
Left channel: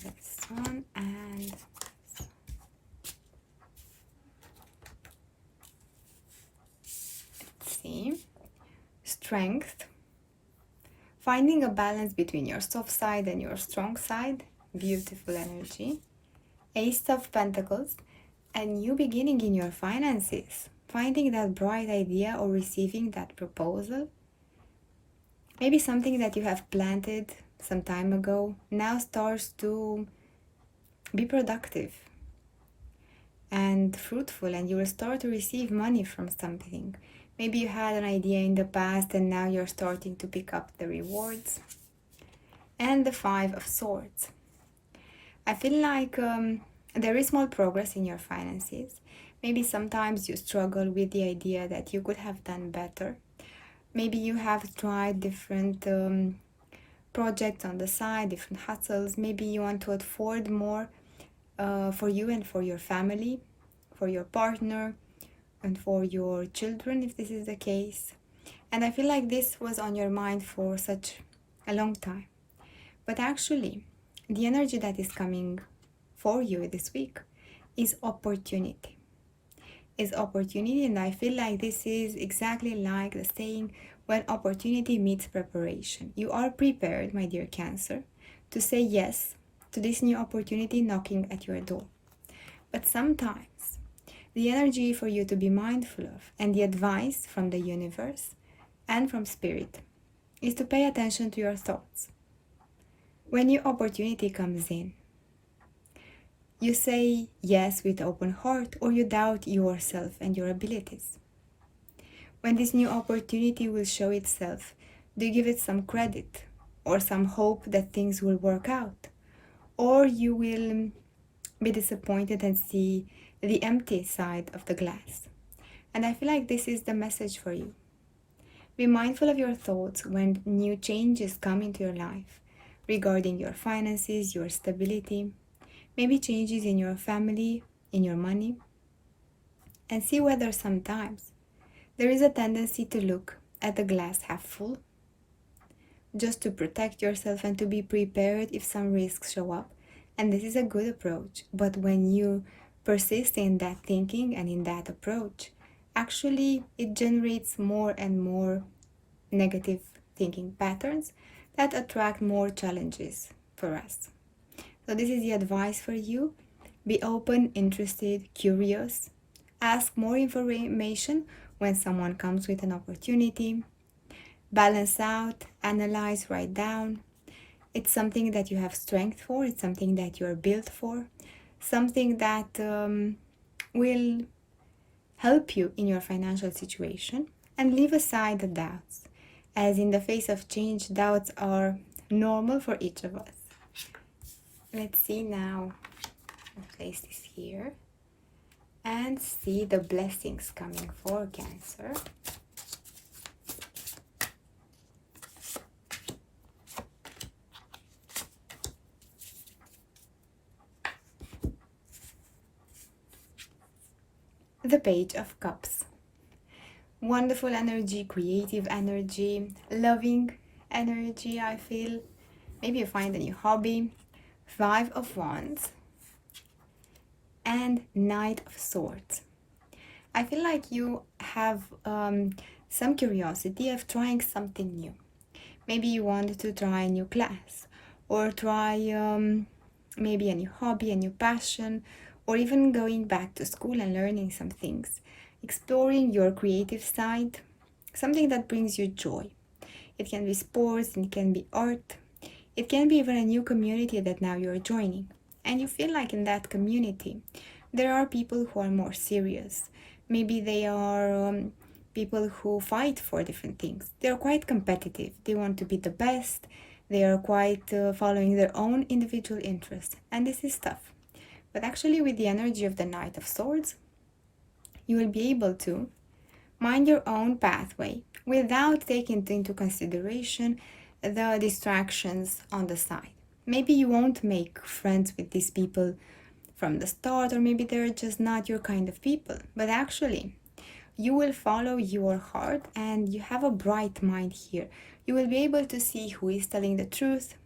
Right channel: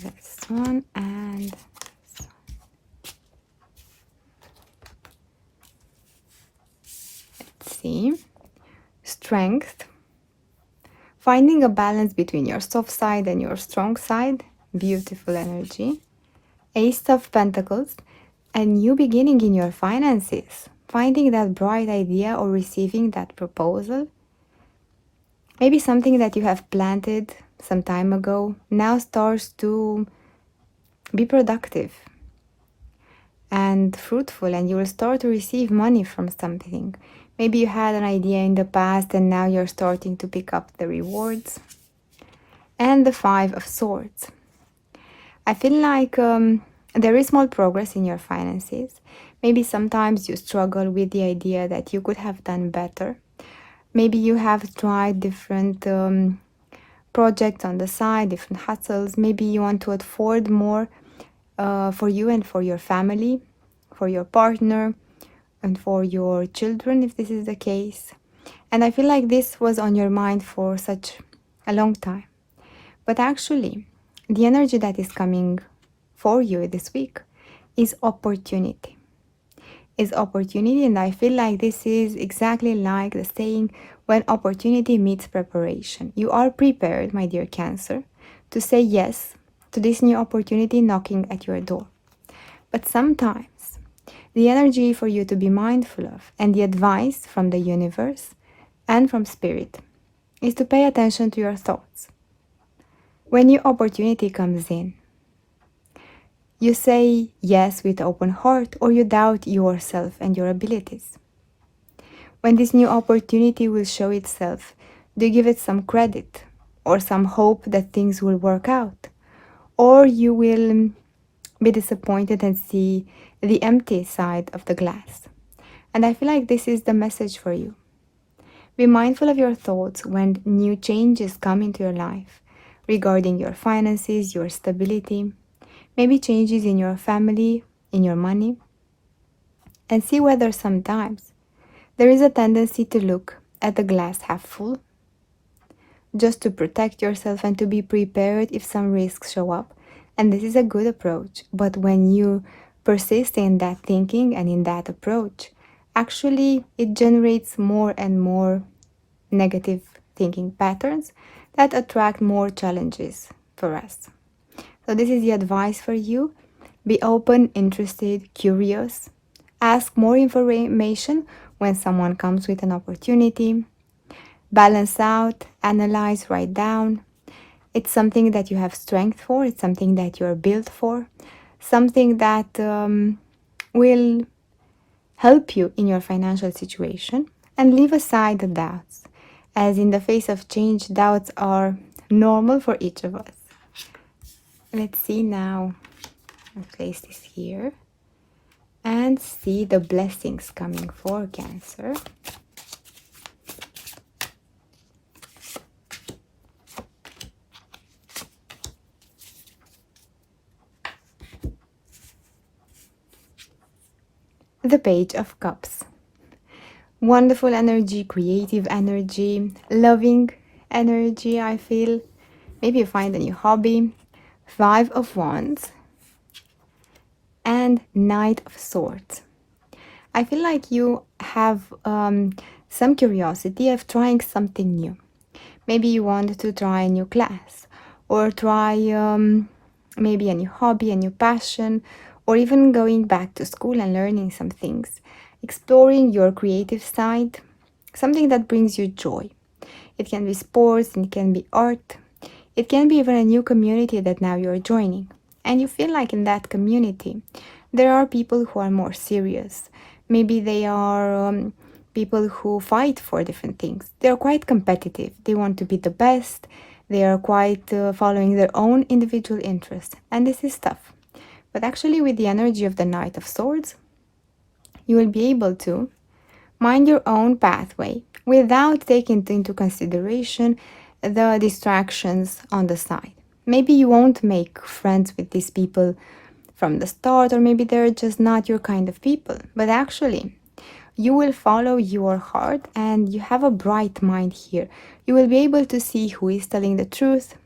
This one and this one. Let's see. Strength. Finding a balance between your soft side and your strong side. Beautiful energy. Ace of Pentacles. A new beginning in your finances. Finding that bright idea or receiving that proposal. Maybe something that you have planted some time ago now starts to be productive and fruitful, and you will start to receive money from something. Maybe you had an idea in the past and now you're starting to pick up the rewards. And the Five of Swords. I feel like there is small progress in your finances. Maybe sometimes you struggle with the idea that you could have done better. Maybe you have tried different projects on the side, different hustles. Maybe you want to afford more for you and for your family, for your partner, and for your children, if this is the case. And I feel like this was on your mind for such a long time. But actually, the energy that is coming for you this week is opportunity. And I feel like this is exactly like the saying, when opportunity meets preparation. You are prepared, my dear Cancer, to say yes to this new opportunity knocking at your door. But sometimes the energy for you to be mindful of and the advice from the universe and from spirit is to pay attention to your thoughts. When your opportunity comes in, you say yes with open heart, or you doubt yourself and your abilities. When this new opportunity will show itself, do you give it some credit or some hope that things will work out? Or you will be disappointed and see the empty side of the glass. And I feel like this is the message for you. Be mindful of your thoughts when new changes come into your life regarding your finances, your stability, maybe changes in your family, in your money, and see whether sometimes there is a tendency to look at the glass half full, just to protect yourself and to be prepared if some risks show up, And this is a good approach. But when you persist in that thinking and in that approach, actually it generates more and more negative thinking patterns that attract more challenges for us. So this is the advice for you. Be open, interested, curious. Ask more information when someone comes with an opportunity. Balance out, analyze, write down. It's something that you have strength for. It's something that you're built for. Something that will help you in your financial situation. And leave aside the doubts, as in the face of change, doubts are normal for each of us. Let's see now. I'll place this here and see the blessings coming for Cancer. The Page of Cups. Wonderful energy, creative energy, loving energy, I feel. Maybe you find a new hobby. 5 of Wands and Knight of Swords. I feel like you have some curiosity of trying something new. Maybe you want to try a new class or try maybe a new hobby, a new passion, or even going back to school and learning some things. Exploring your creative side, something that brings you joy. It can be sports, it can be art, it can be even a new community that now you're joining. And you feel like in that community, there are people who are more serious. Maybe they are people who fight for different things. They're quite competitive. They want to be the best. They are quite following their own individual interests. And this is tough. But actually with the energy of the Knight of Swords, you will be able to mind your own pathway without taking into consideration the distractions on the side. Maybe you won't make friends with these people from the start, or maybe they're just not your kind of people. But actually, you will follow your heart and you have a bright mind here. You will be able to see who is telling the truth,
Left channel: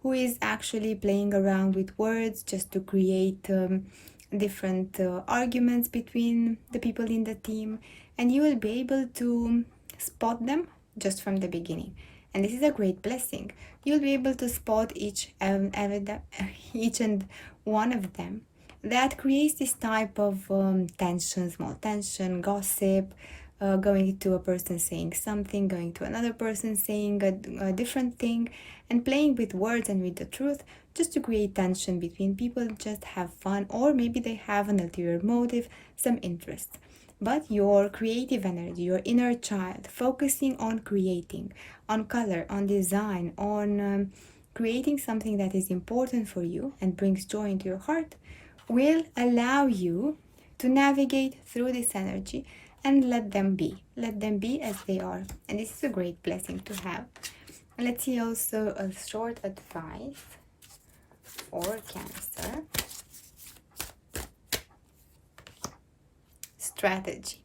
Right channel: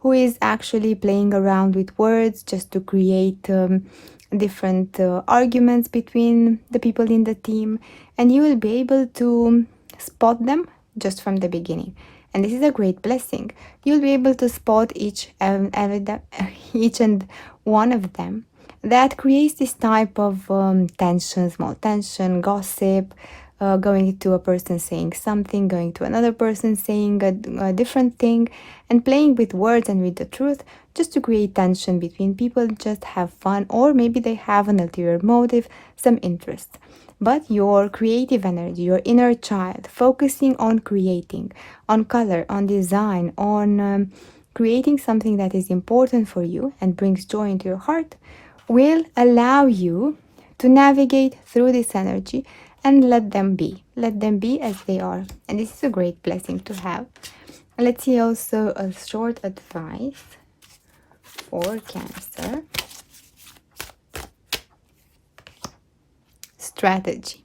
who is actually playing around with words just to create different arguments between the people in the team, and you will be able to spot them just from the beginning. And this is a great blessing. You'll be able to spot each and one of them. That creates this type of tension, small tension, gossip, going to a person saying something, going to another person saying a different thing, and playing with words and with the truth just to create tension between people, just have fun, or maybe they have an ulterior motive, some interest. But your creative energy, your inner child, focusing on creating, on color, on design, on creating something that is important for you and brings joy into your heart, will allow you to navigate through this energy and let them be as they are. And this is a great blessing to have. Let's see also a short advice for Cancer. Strategy.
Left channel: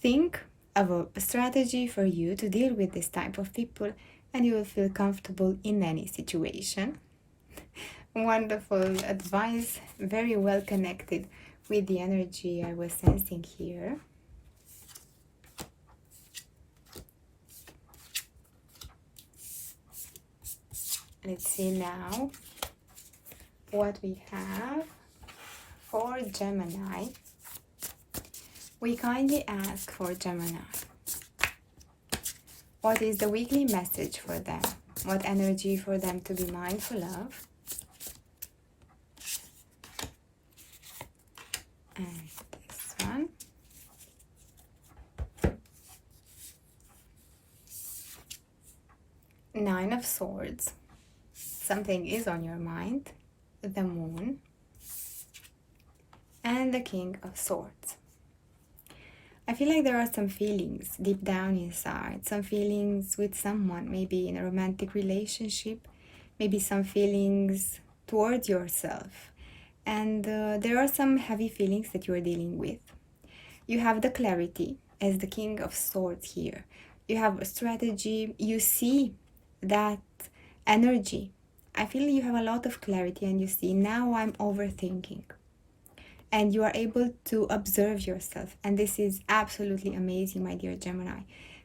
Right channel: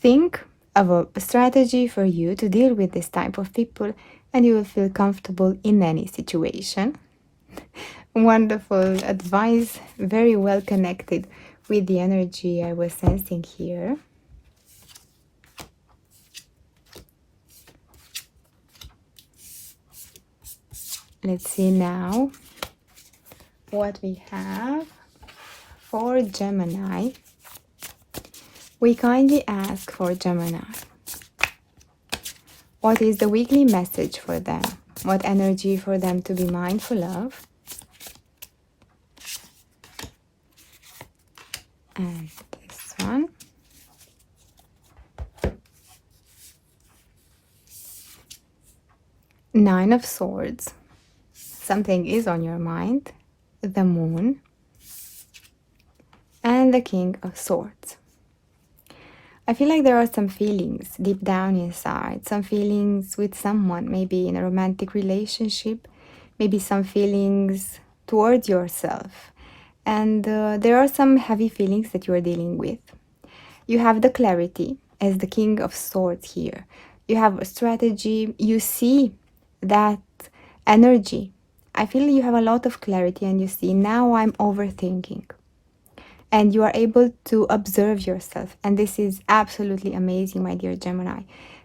Think of a strategy for you to deal with this type of people, and you will feel comfortable in any situation. Wonderful advice, very well connected with the energy I was sensing here. Let's see now what we have for Gemini. We kindly ask for Gemini. What is the weekly message for them? What energy for them to be mindful of? And this one. Nine of Swords. Something is on your mind. The Moon. And the King of Swords. I feel like there are some feelings deep down inside, some feelings with someone, maybe in a romantic relationship, maybe some feelings towards yourself. And there are some heavy feelings that you are dealing with. You have the clarity as the King of Swords here. You have a strategy. You see that energy I feel you have a lot of clarity and you see, now I'm overthinking. And you are able to observe yourself. And this is absolutely amazing, my dear Gemini.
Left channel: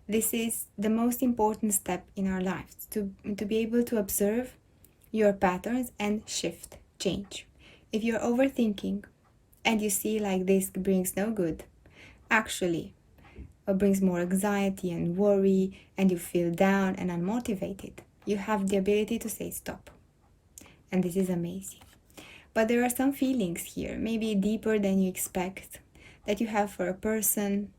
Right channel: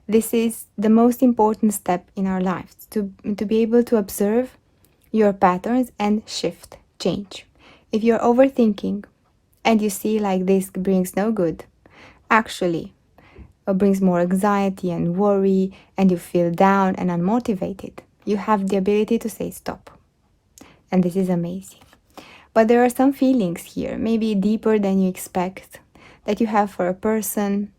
This is the most important step in our lives, to be able to observe your patterns and shift, change. If you're overthinking and you see like this brings no good, actually brings more anxiety and worry, and you feel down and unmotivated, you have the ability to say stop. And this is amazing. But there are some feelings here, maybe deeper than you expect, that you have for a person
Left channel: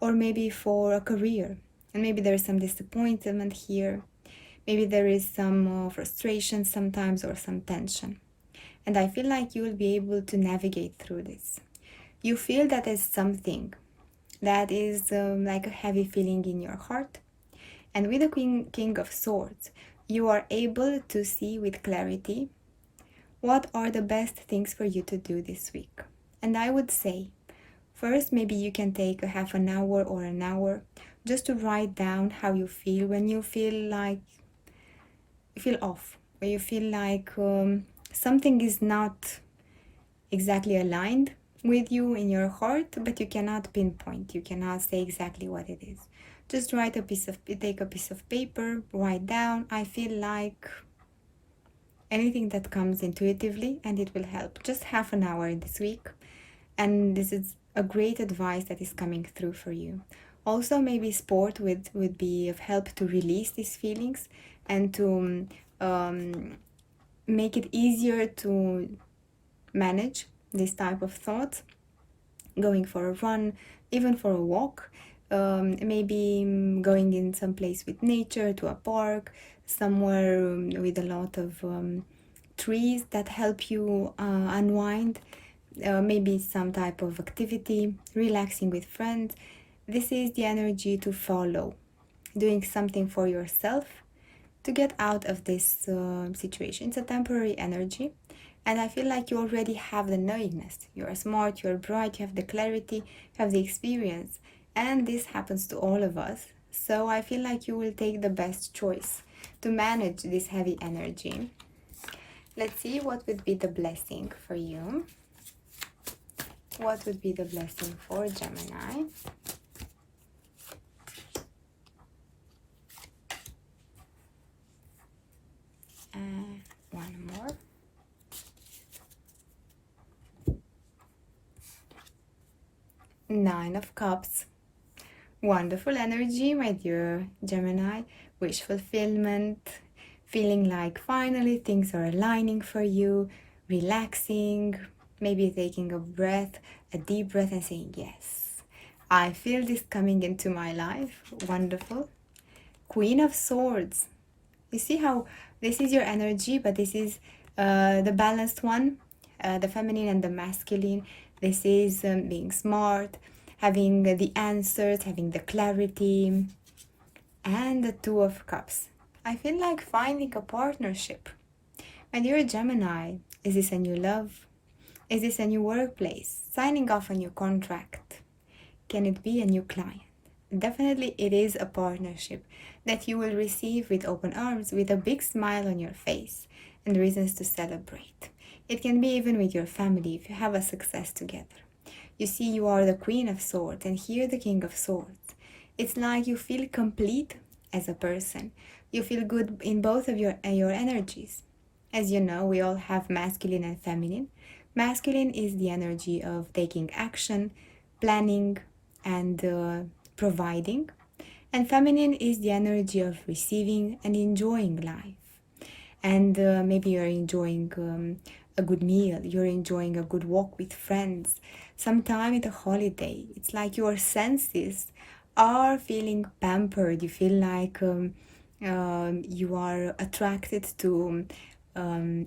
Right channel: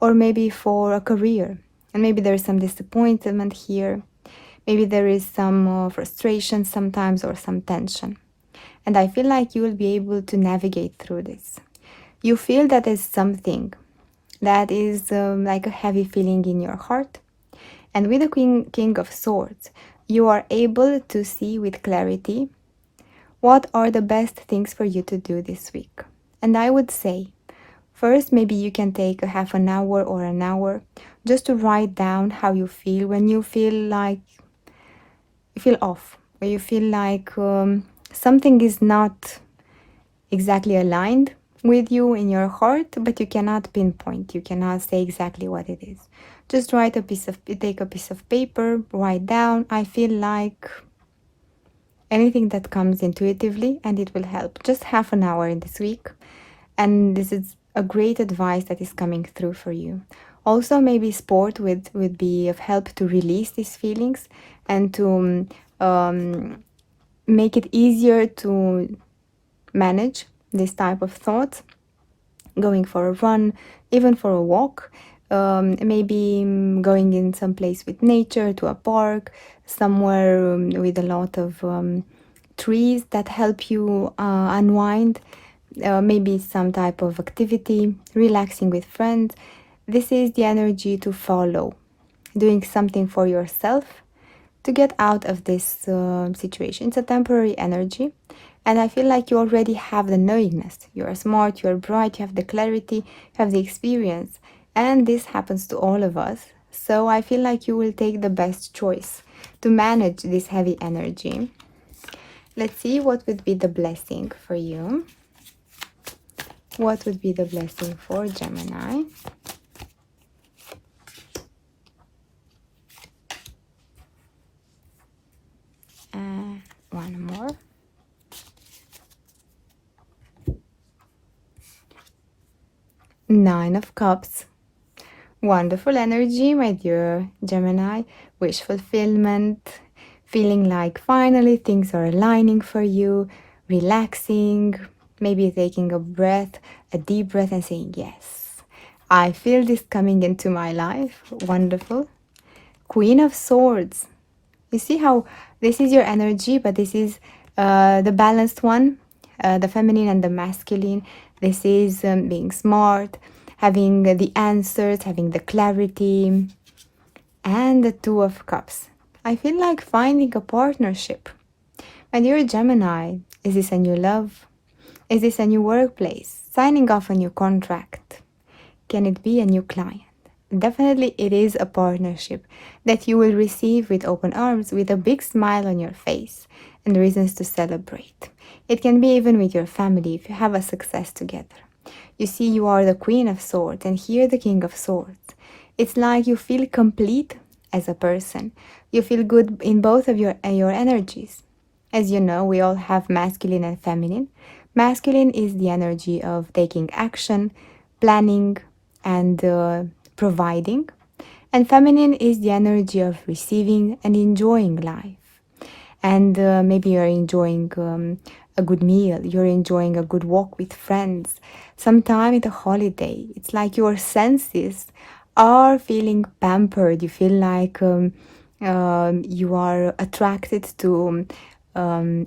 or maybe for a career. And maybe there is some disappointment here. Maybe there is some frustration sometimes or some tension. And I feel like you will be able to navigate through this. You feel that there's something that is like a heavy feeling in your heart. And with the King of Swords, you are able to see with clarity what are the best things for you to do this week. And I would say, first, maybe you can take a half an hour or an hour just to write down how you feel when you feel like you feel off, or you feel like something is not exactly aligned with you in your heart, but you cannot pinpoint, you cannot say exactly what it is. Just take a piece of paper, write down, I feel like anything that comes intuitively, and it will help. Just half an hour in this week, and this is a great advice that is coming through for you. Also, maybe sport would be of help to release these feelings and to make it easier to manage this type of thoughts. Going for a run, even for a walk, maybe going in some place with nature, to a park, somewhere with a lot of trees that help you unwind, maybe some type of activity, relaxing with friends. This is the energy to follow, doing something for yourself to get out of this situation. It's a temporary energy, and I feel like you already have the knowingness. You are smart, you are bright, you have the clarity, you have the experience, and this happens to all of us. So I feel like you will take the best choice to manage this heavy energy. Let's see what would be the blessing for you. What would be the blessing for Gemini? And one more. Nine of Cups. Wonderful energy, my dear Gemini. Wish fulfillment. Feeling like finally things are aligning for you. Relaxing. Maybe taking a deep breath and saying, yes, I feel this coming into my life. Wonderful. Queen of Swords. You see how this is your energy, but this is the balanced one, the feminine and the masculine. This is being smart, having the answers, having the clarity, and the Two of Cups. I feel like finding a partnership. When you're a Gemini, is this a new love? Is this a new workplace? Signing off a new contract? Can it be a new client? Definitely it is a partnership that you will receive with open arms, with a big smile on your face and reasons to celebrate. It can be even with your family if you have a success together. You see, you are the Queen of Swords and here the King of Swords. It's like you feel complete as a person. You feel good in both of your energies. As you know, we all have masculine and feminine. Masculine is the energy of taking action, planning, and providing. And feminine is the energy of receiving and enjoying life. And maybe you're enjoying a good meal, you're enjoying a good walk with friends, sometime at a holiday. It's like your senses are feeling pampered. You feel like you are attracted to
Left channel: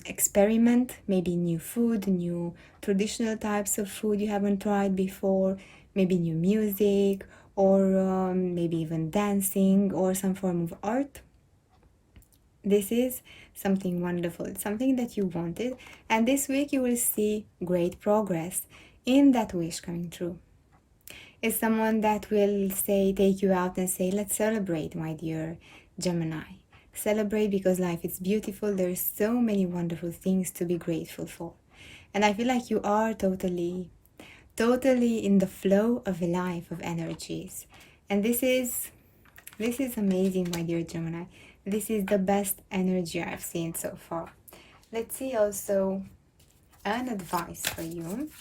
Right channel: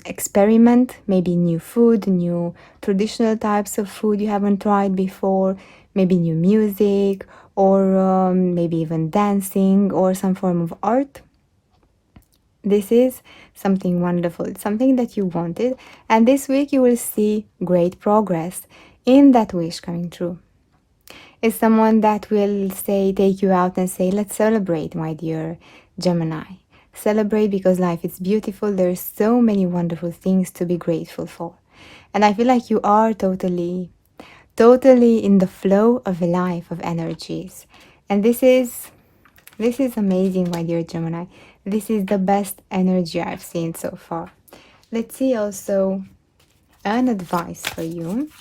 experiment, maybe new food, new traditional types of food you haven't tried before, maybe new music, or maybe even dancing or some form of art. This is something wonderful. It's something that you wanted, and this week you will see great progress in that wish coming true. It's someone that will take you out and say, let's celebrate, my dear Gemini. celebrate because life is beautiful. There's so many wonderful things to be grateful for. And I feel like you are totally in the flow of life, of energies. And this is amazing, my dear Gemini. This is the best energy I've seen so far. Let's see also an advice for you.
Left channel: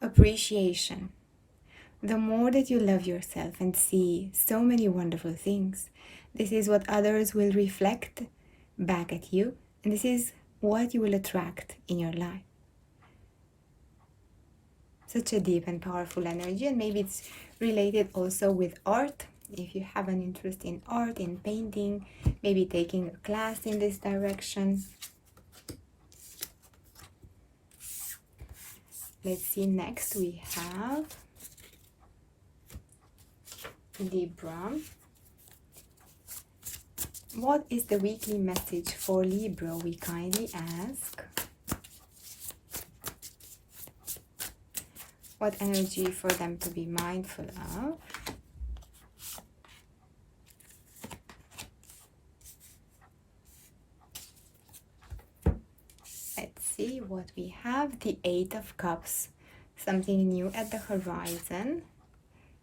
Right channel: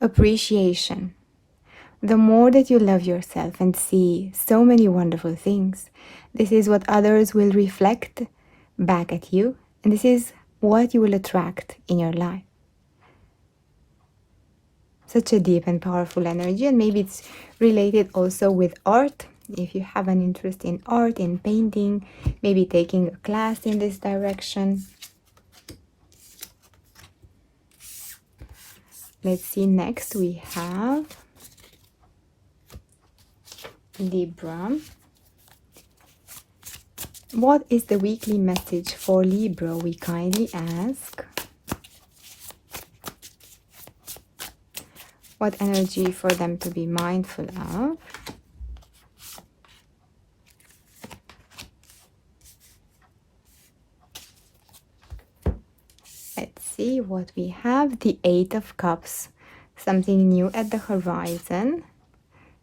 Appreciation. The more that you love yourself and see so many wonderful things, this is what others will reflect back at you, and this is what you will attract in your life. Such a deep and powerful energy, and maybe it's related also with art. If you have an interest in art, in painting, maybe taking a class in this direction. Let's see, next we have Libra. What is the weekly message for Libra? We kindly ask. What energy for them to be mindful of? Let's see what we have. The Eight of Cups. Something new at the horizon.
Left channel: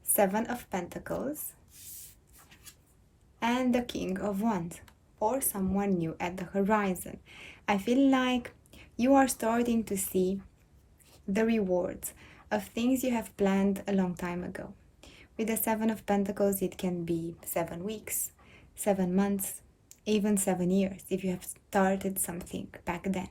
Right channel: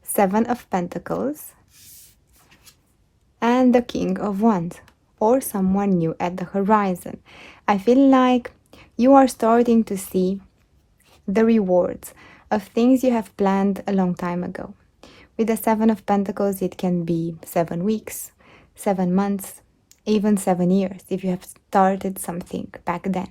Seven of Pentacles. And the King of Wands. Or someone new at the horizon. I feel like you are starting to see the rewards of things you have planned a long time ago. With the Seven of Pentacles, it can be 7 weeks, 7 months, even 7 years if you have started something back then.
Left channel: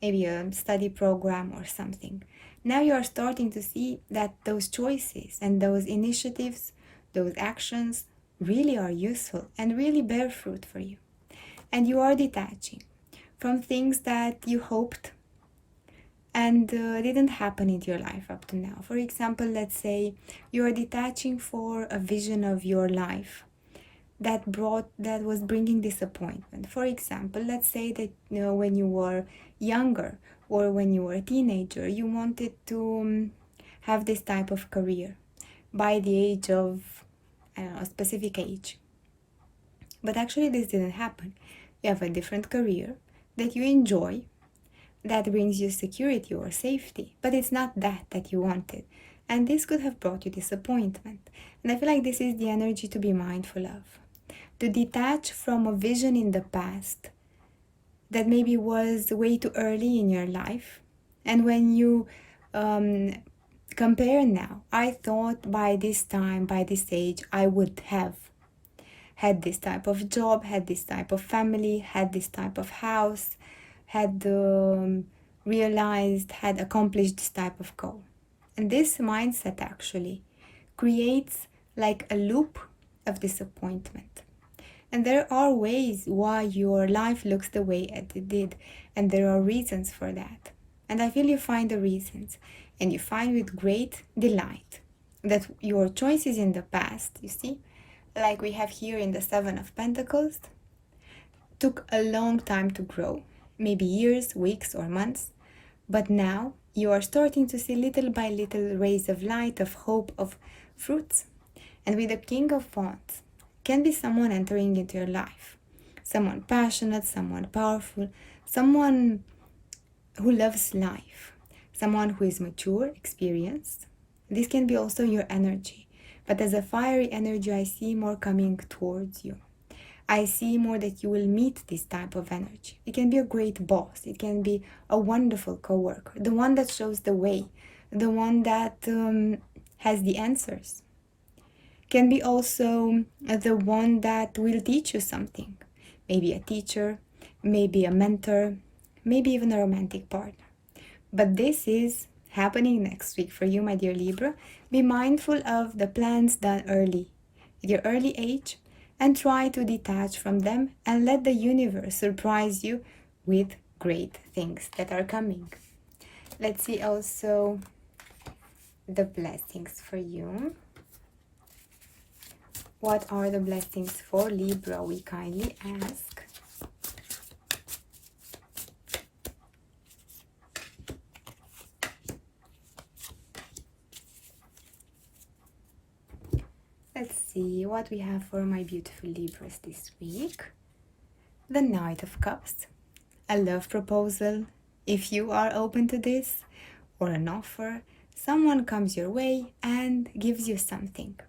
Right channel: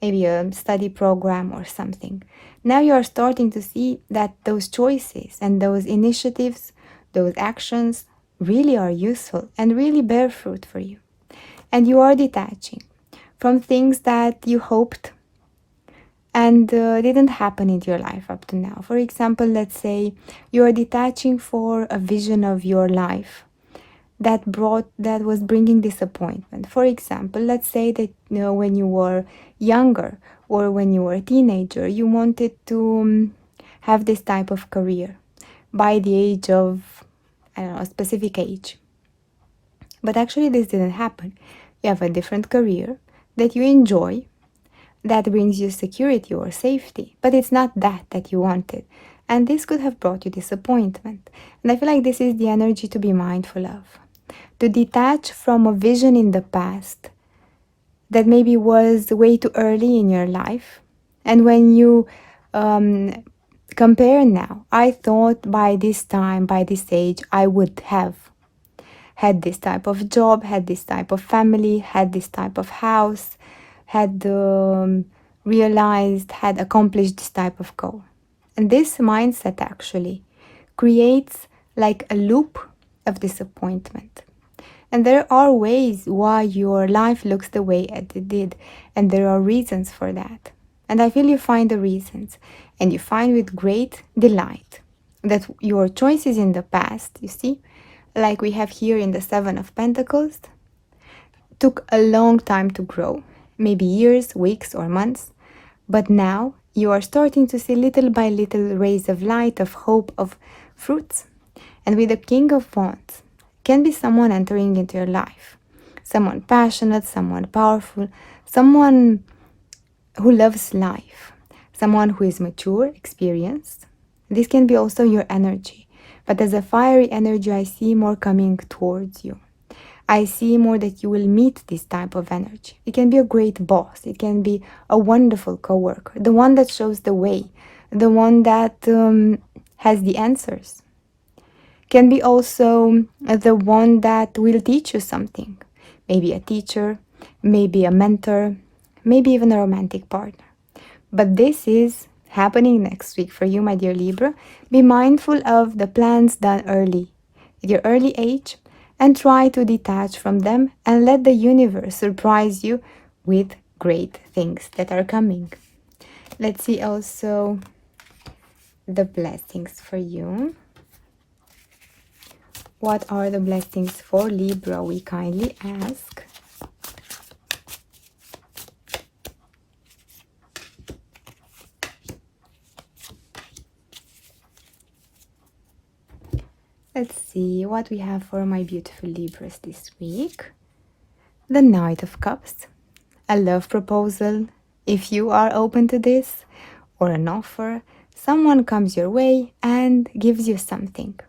Maybe a study program or something. Now you are starting to see that those choices and those initiatives, those actions really are useful and really bear fruit for you. And you are detaching from things that you hoped and didn't happen in your life up to now. For example, let's say you are detaching for a vision of your life that was bringing disappointment. For example, let's say that when you were younger or when you were a teenager, you wanted to have this type of career by the age of, I don't know, a specific age. But actually this didn't happen. You have a different career that you enjoy, that brings you security or safety, but it's not that you wanted. And this could have brought you disappointment. And I feel like this is the energy to be mindful of. To detach from a vision in the past that maybe was way too early in your life. And when you compare now, I thought by this time, by this age, I would have had this type of job, had this type of family, had this type of house, had realized, had accomplished this type of goal. And this mindset actually creates like a loop of disappointment. And there are ways why your life looks the way it did, and there are reasons for that. And I feel you find the reasons, and you find with great delight that your choices in the past, you see, like we have here in the Seven of Pentacles, took a long time to grow. Maybe years, weeks, or months. But now you are starting to see little by little rays of light, of hope, of fruits. And with the King of Wands, can be someone entering into your life. Someone passionate, someone powerful, someone who loves life. Someone who is mature, experienced. This can be also your energy. But as a fiery energy, I see more coming towards you. I see more that you will meet this type of energy. It can be a great boss. It can be a wonderful coworker. The one that shows the way. The one that has the answers. Can be also the one that will teach you something. Maybe a teacher, maybe a mentor, maybe even a romantic partner. But this is happening next week for you, my dear Libra. Be mindful of the plans done early, at your early age, and try to detach from them and let the universe surprise you with great things that are coming. Let's see also the blessings for you. What are the blessings for Libra? We kindly ask. Let's see what we have for my beautiful Libras this week. The Knight of Cups, a love proposal. If you are open to this, or an offer, someone comes your way and gives you something.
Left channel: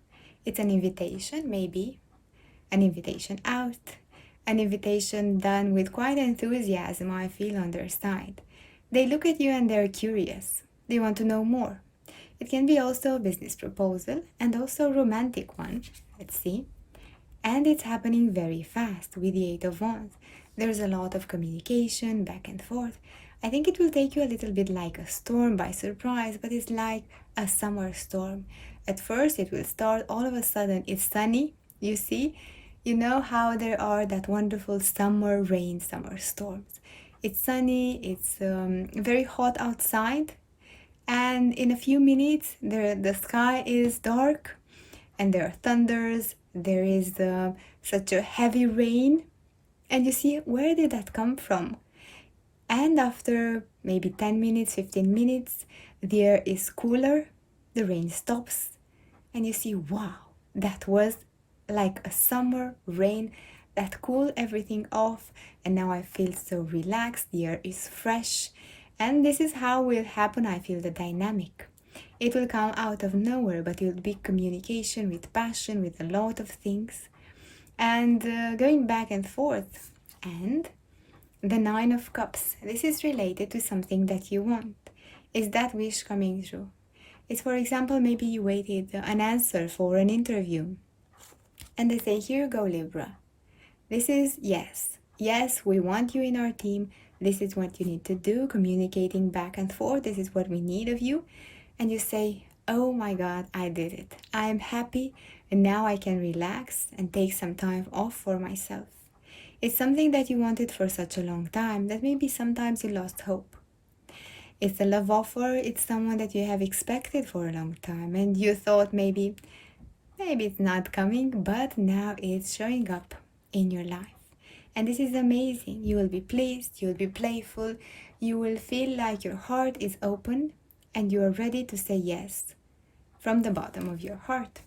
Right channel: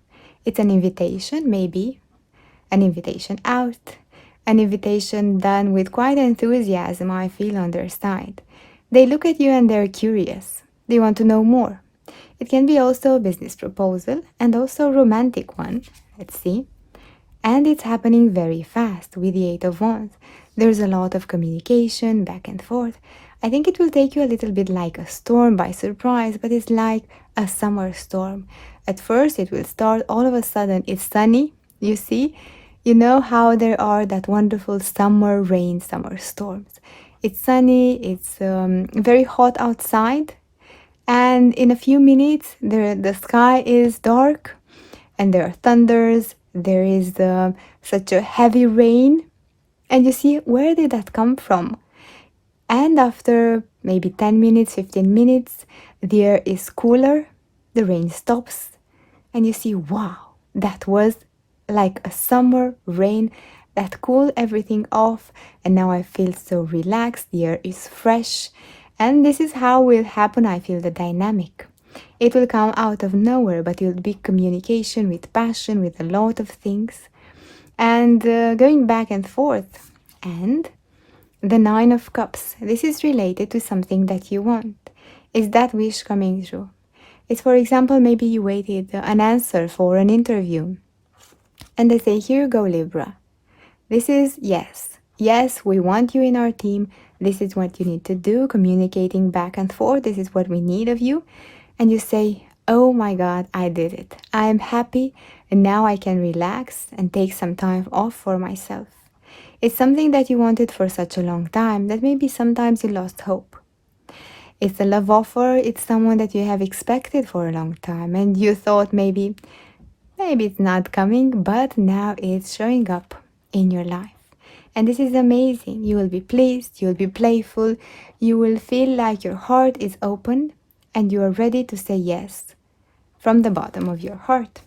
It's an invitation, maybe, an invitation out, an invitation done with quite enthusiasm, I feel, on their side. They look at you and they're curious. They want to know more. It can be also a business proposal and also a romantic one. Let's see. And it's happening very fast with the Eight of Wands. There's a lot of communication back and forth. I think it will take you a little bit like a storm by surprise, but it's like a summer storm. At first it will start, all of a sudden it's sunny, you see? You know how there are that wonderful summer rain, summer storms. It's sunny, it's very hot outside, and in a few minutes the sky is dark and there are thunders, there is such a heavy rain, and you see, where did that come from? And after maybe 10 minutes, 15 minutes, the air is cooler, the rain stops, and you see, wow, that was like a summer rain that cooled everything off, and now I feel so relaxed, the air is fresh, and this is how will happen, I feel, the dynamic. It will come out of nowhere, but it will be communication with passion, with a lot of things, and going back and forth. And the Nine of Cups, this is related to something that you want. Is that wish coming true? It's, for example, maybe you waited an answer for an interview, and they say, here you go, Libra. This is yes. Yes, we want you in our team. This is what you need to do, communicating back and forth. This is what we need of you. And you say, oh my God, I did it. I am happy, and now I can relax and take some time off for myself. It's something that you wanted for such a long time that maybe sometimes you lost hope. It's a love offer. It's someone that you have expected for a long time, and you thought maybe it's not coming, but now it's showing up in your life. And this is amazing. You will be pleased, you will be playful, you will feel like your heart is open and you are ready to say yes from the bottom of your heart.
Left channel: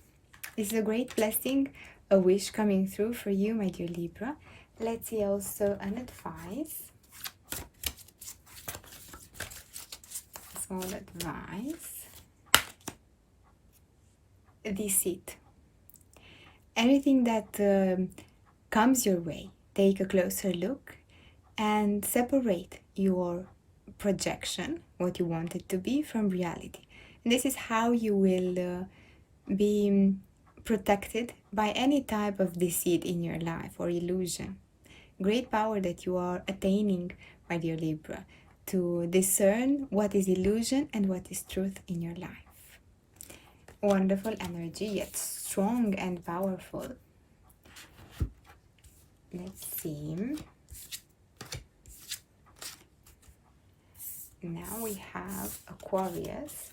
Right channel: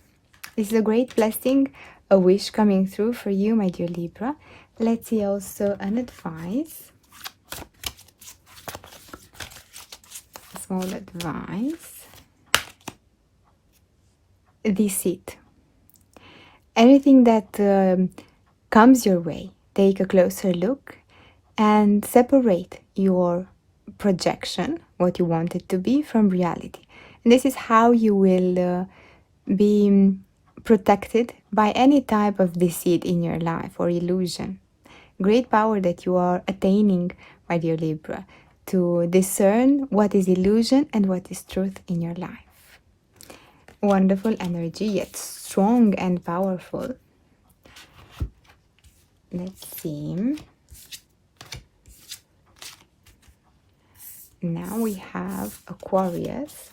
This is a great blessing, a wish coming through for you, my dear Libra. Let's see also an advice. A small advice. Deceit. Anything that comes your way, take a closer look and separate your projection, what you want it to be, from reality. And this is how you will be protected by any type of deceit in your life or illusion. Great power that you are attaining, my dear Libra, to discern what is illusion and what is truth in your life. Wonderful energy, yet strong and powerful. Let's see. Now we have Aquarius.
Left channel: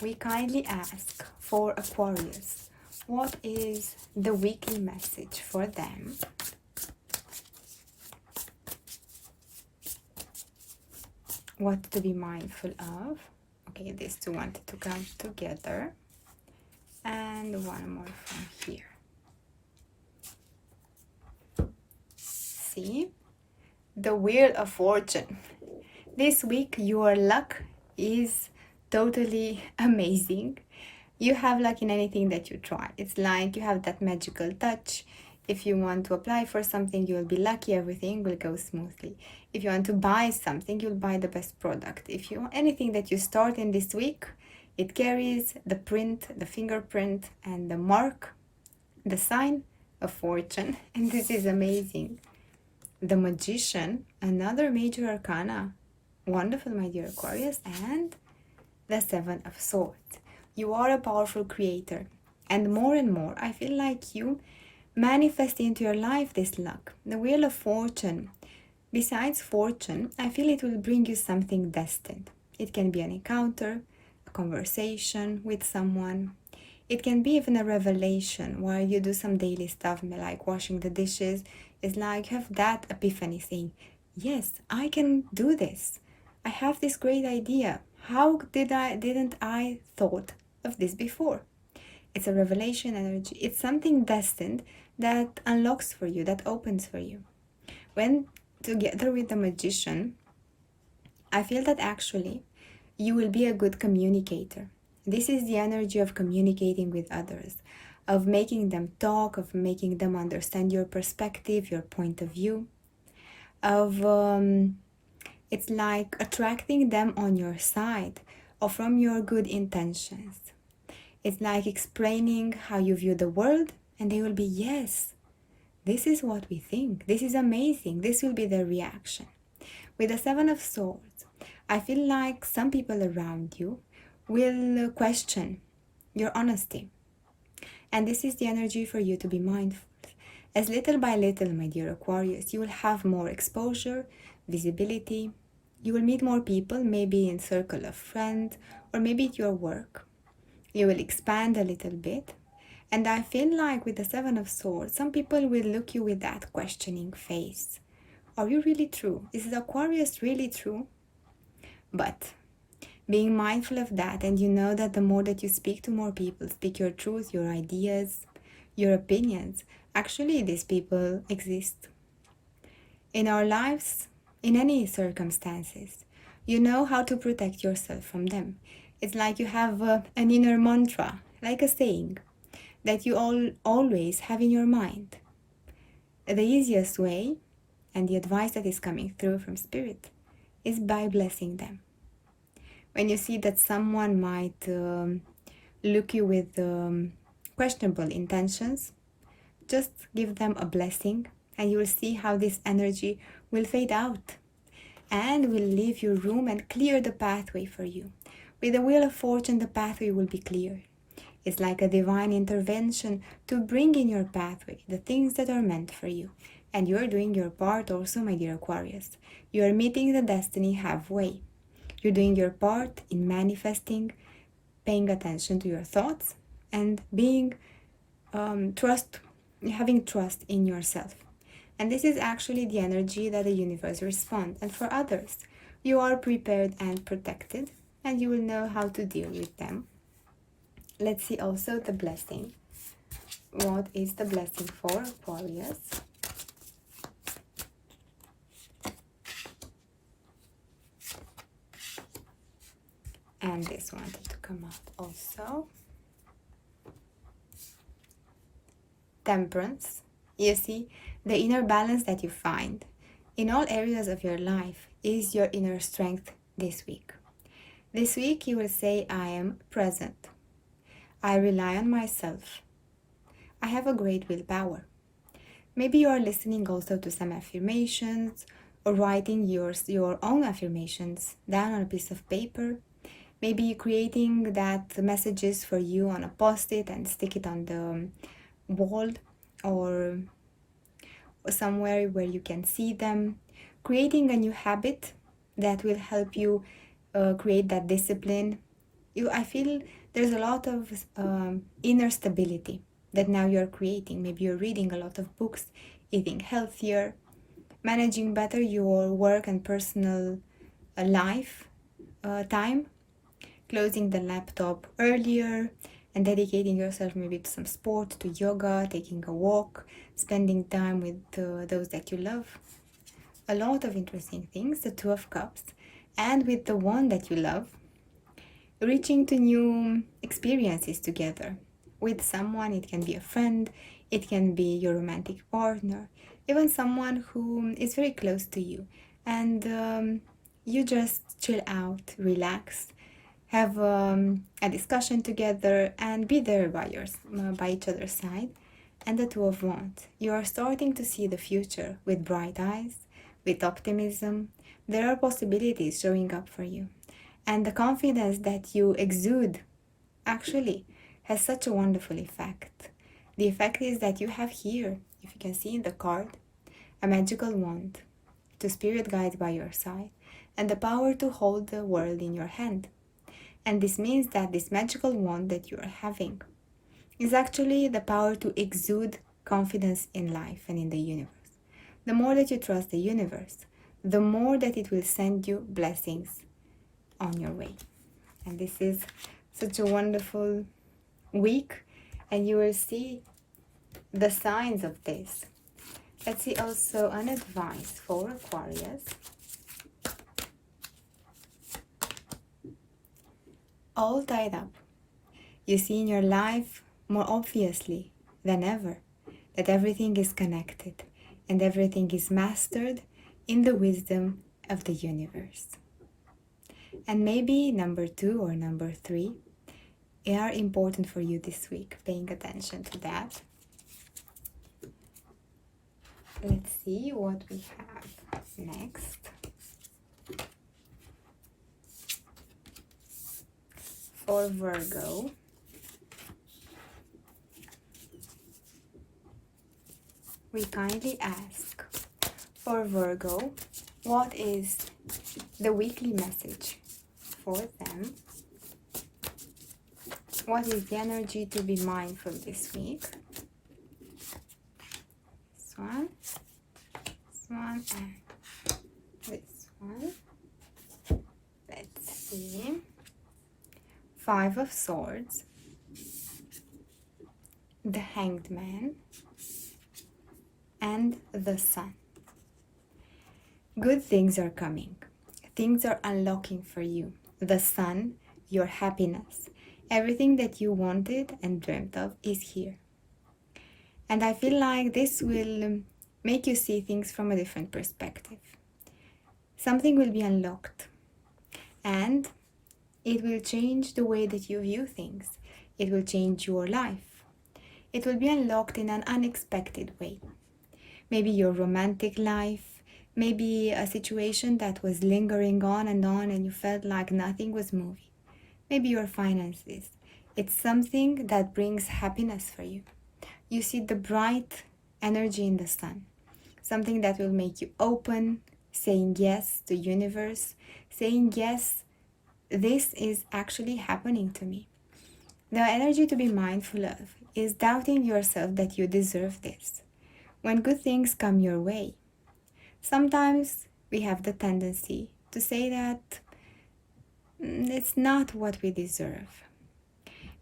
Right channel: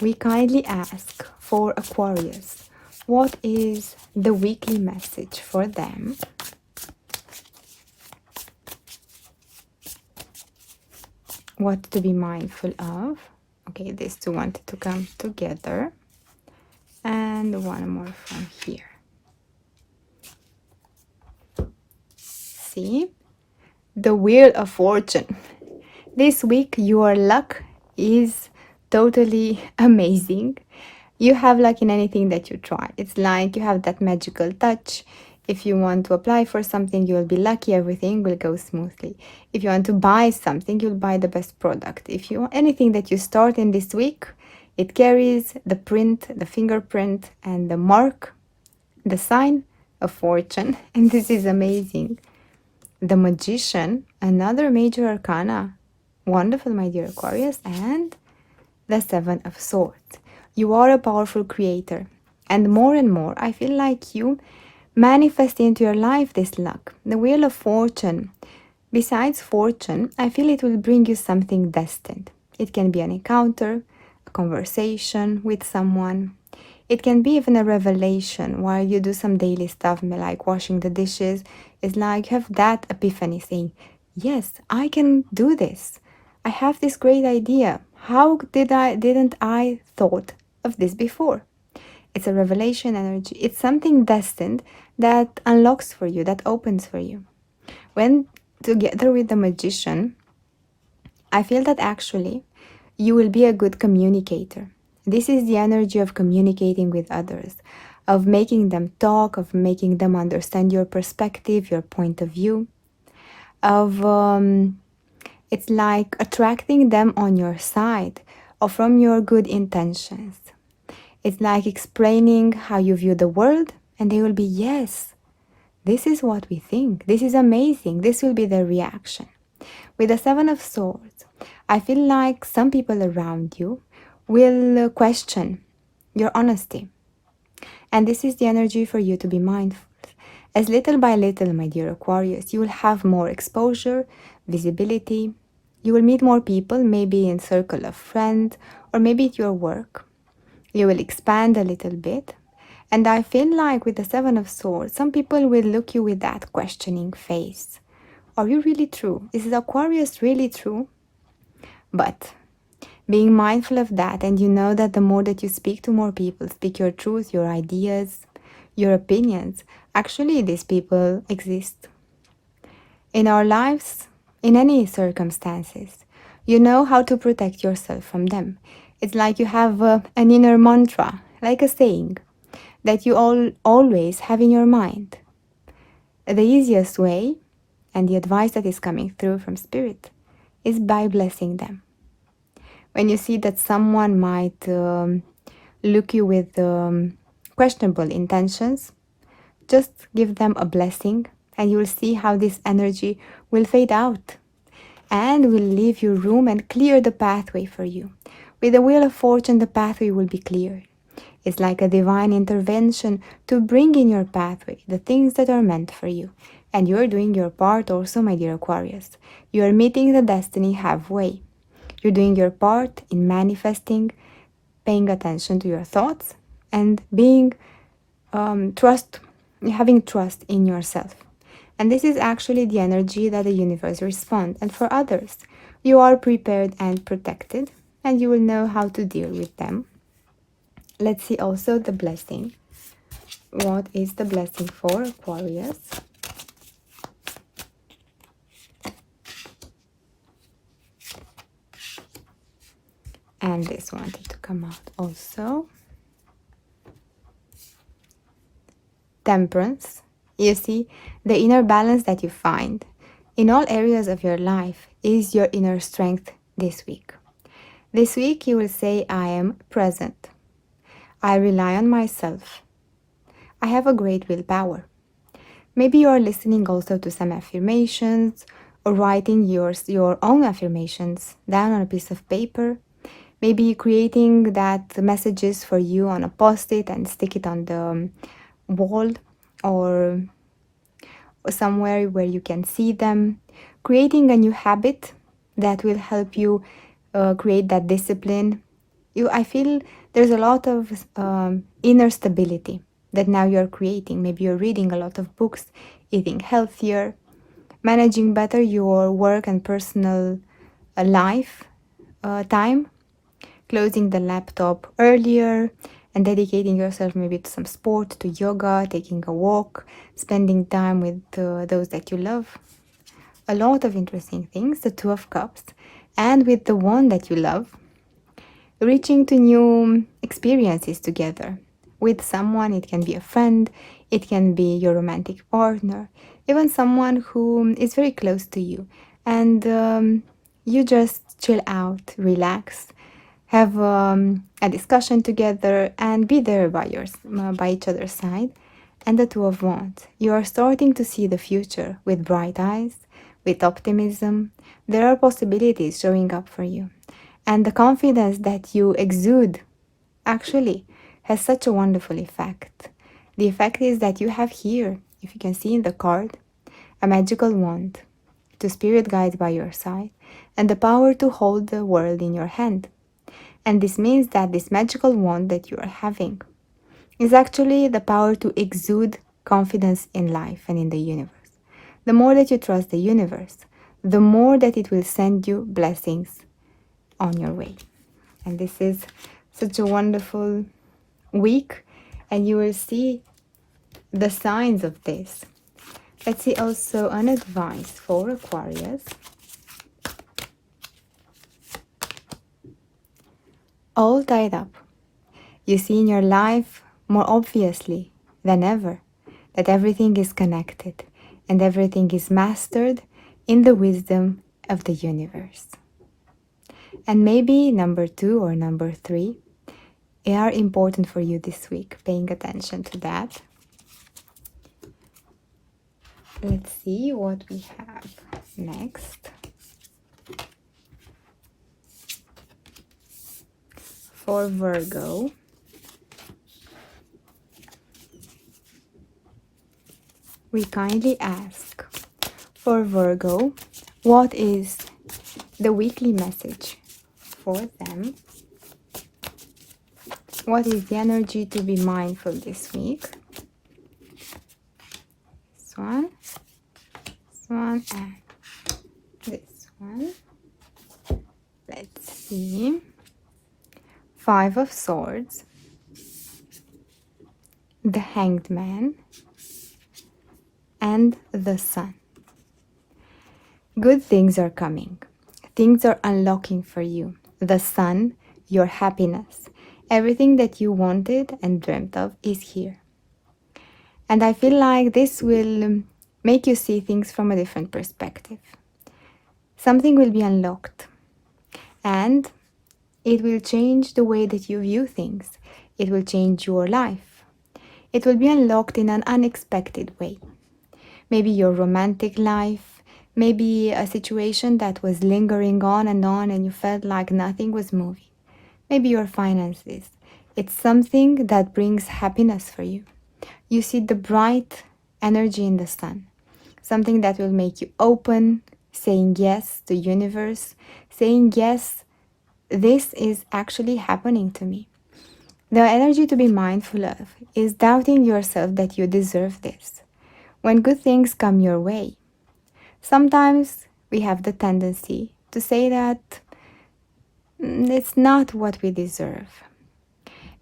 We kindly ask for Aquarius, what is the weekly message for them? What to be mindful of? Okay, these two wanted to come together. And one more from here. See? The Wheel of Fortune. This week your luck is totally amazing. You have luck in anything that you try. It's like you have that magical touch. If you want to apply for something, you will be lucky. Everything will go smoothly. If you want to buy something, you'll buy the best product. If you want anything that you start in this week, it carries the print, the fingerprint, and the mark, the sign of fortune. And this is amazing. The Magician, another major arcana. Wonderful, my dear Aquarius. And the Seven of Swords. You are a powerful creator. And more, I feel like you manifest into your life this luck. The Wheel of Fortune. Besides fortune, I feel it will bring you something destined. It can be an encounter, a conversation with someone. It can be even a revelation while you do some daily stuff like washing the dishes. It's like you have that epiphany saying, yes, I can do this. I have this great idea. How didn't I thought of this before? It's a revelation energy. It's something destined that unlocks for you, that opens for you. When together with the magician, I feel that actually you will be a good communicator. This is the energy of communicating with others, of making them talk, of making them understand your perspective, your point of view, of it's like attracting them on your side or from your good intentions. It's like explaining how you view the world, and they will be, yes, this is what we think. This is amazing. This will be their reaction. With the Seven of Swords, I feel like some people around you will question your honesty. And this is the energy for you to be mindful. As little by little, my dear Aquarius, you will have more exposure, visibility. You will meet more people, maybe in circle of friends, or maybe at your work. You will expand a little bit. And I feel like with the Seven of Swords, some people will look you with that questioning face. Are you really true? Is Aquarius really true? But being mindful of that, and you know that the more that you speak to more people, speak your truth, your ideas, your opinions, actually these people exist in our lives, in any circumstances. You know how to protect yourself from them. It's like you have an inner mantra, like a saying, that you always have in your mind. The easiest way, and the advice that is coming through from Spirit, is by blessing them. When you see that someone might look you with questionable intentions, just give them a blessing, and you will see how this energy will fade out and will leave you room and clear the pathway for you. With the Wheel of Fortune, the pathway will be cleared. It's like a divine intervention to bring in your pathway the things that are meant for you. And you're doing your part also, my dear Aquarius. You are meeting the destiny halfway. You're doing your part in manifesting, paying attention to your thoughts, and being having trust in yourself. And this is actually the energy that the universe responds. And for others, you are prepared and protected, and you will know how to deal with them. Let's see also the blessing. What is the blessing for Aquarius? And this wanted to come out also. Temperance. You see, the inner balance that you find in all areas of your life is your inner strength this week. This week you will say, I am present. I rely on myself. I have a great willpower. Maybe you are listening also to some affirmations or writing your own affirmations down on a piece of paper. Maybe creating that messages for you on a post-it and stick it on the wall or somewhere where you can see them. Creating a new habit that will help you create that discipline. I feel there's a lot of inner stability that now you're creating. Maybe you're reading a lot of books, eating healthier, managing better your work and personal life time, closing the laptop earlier, and dedicating yourself maybe to some sport, to yoga, taking a walk, spending time with those that you love. A lot of interesting things, the Two of Cups, and with the one that you love, reaching to new experiences together with someone. It can be a friend, it can be your romantic partner, even someone who is very close to you, and you just chill out, relax, have a discussion together, and be there by each other's side. And the Two of Wands, you are starting to see the future with bright eyes, with optimism. There are possibilities showing up for you, and the confidence that you exude actually has such a wonderful effect. The effect is that you have here, if you can see in the card, a magical wand, two spirit guides by your side, and the power to hold the world in your hand. And this means that this magical wand that you are having is actually the power to exude confidence in life and in the universe. The more that you trust the universe, the more that it will send you blessings on your way. And this is such a wonderful week, and you will see the signs of this. Let's see also an advice for Aquarius. All tied up. You see in your life more obviously than ever that everything is connected and everything is mastered in the wisdom of the universe. And maybe number 2 or number 3 are important for you this week, paying attention to that. Let's see what we have next. For Virgo, we kindly ask for Virgo, what is the weekly message for them? What is the energy to be mindful this week? This one, and this one. Let's see. 5 of Swords, the Hanged Man, and the Sun. Good things are coming. Things are unlocking for you. The Sun, your happiness, everything that you wanted and dreamt of is here. And I feel like this will make you see things from a different perspective. Something will be unlocked. And it will change the way that you view things. It will change your life. It will be unlocked in an unexpected way. Maybe your romantic life, maybe a situation that was lingering on and you felt like nothing was moving. Maybe your finances. It's something that brings happiness for you. You see the bright energy in the sun. Something that will make you open, saying yes to the universe, saying yes, this is actually happening to me. The energy to be mindful of is doubting yourself that you deserve this. When good things come your way, sometimes we have the tendency to say that it's not what we deserve.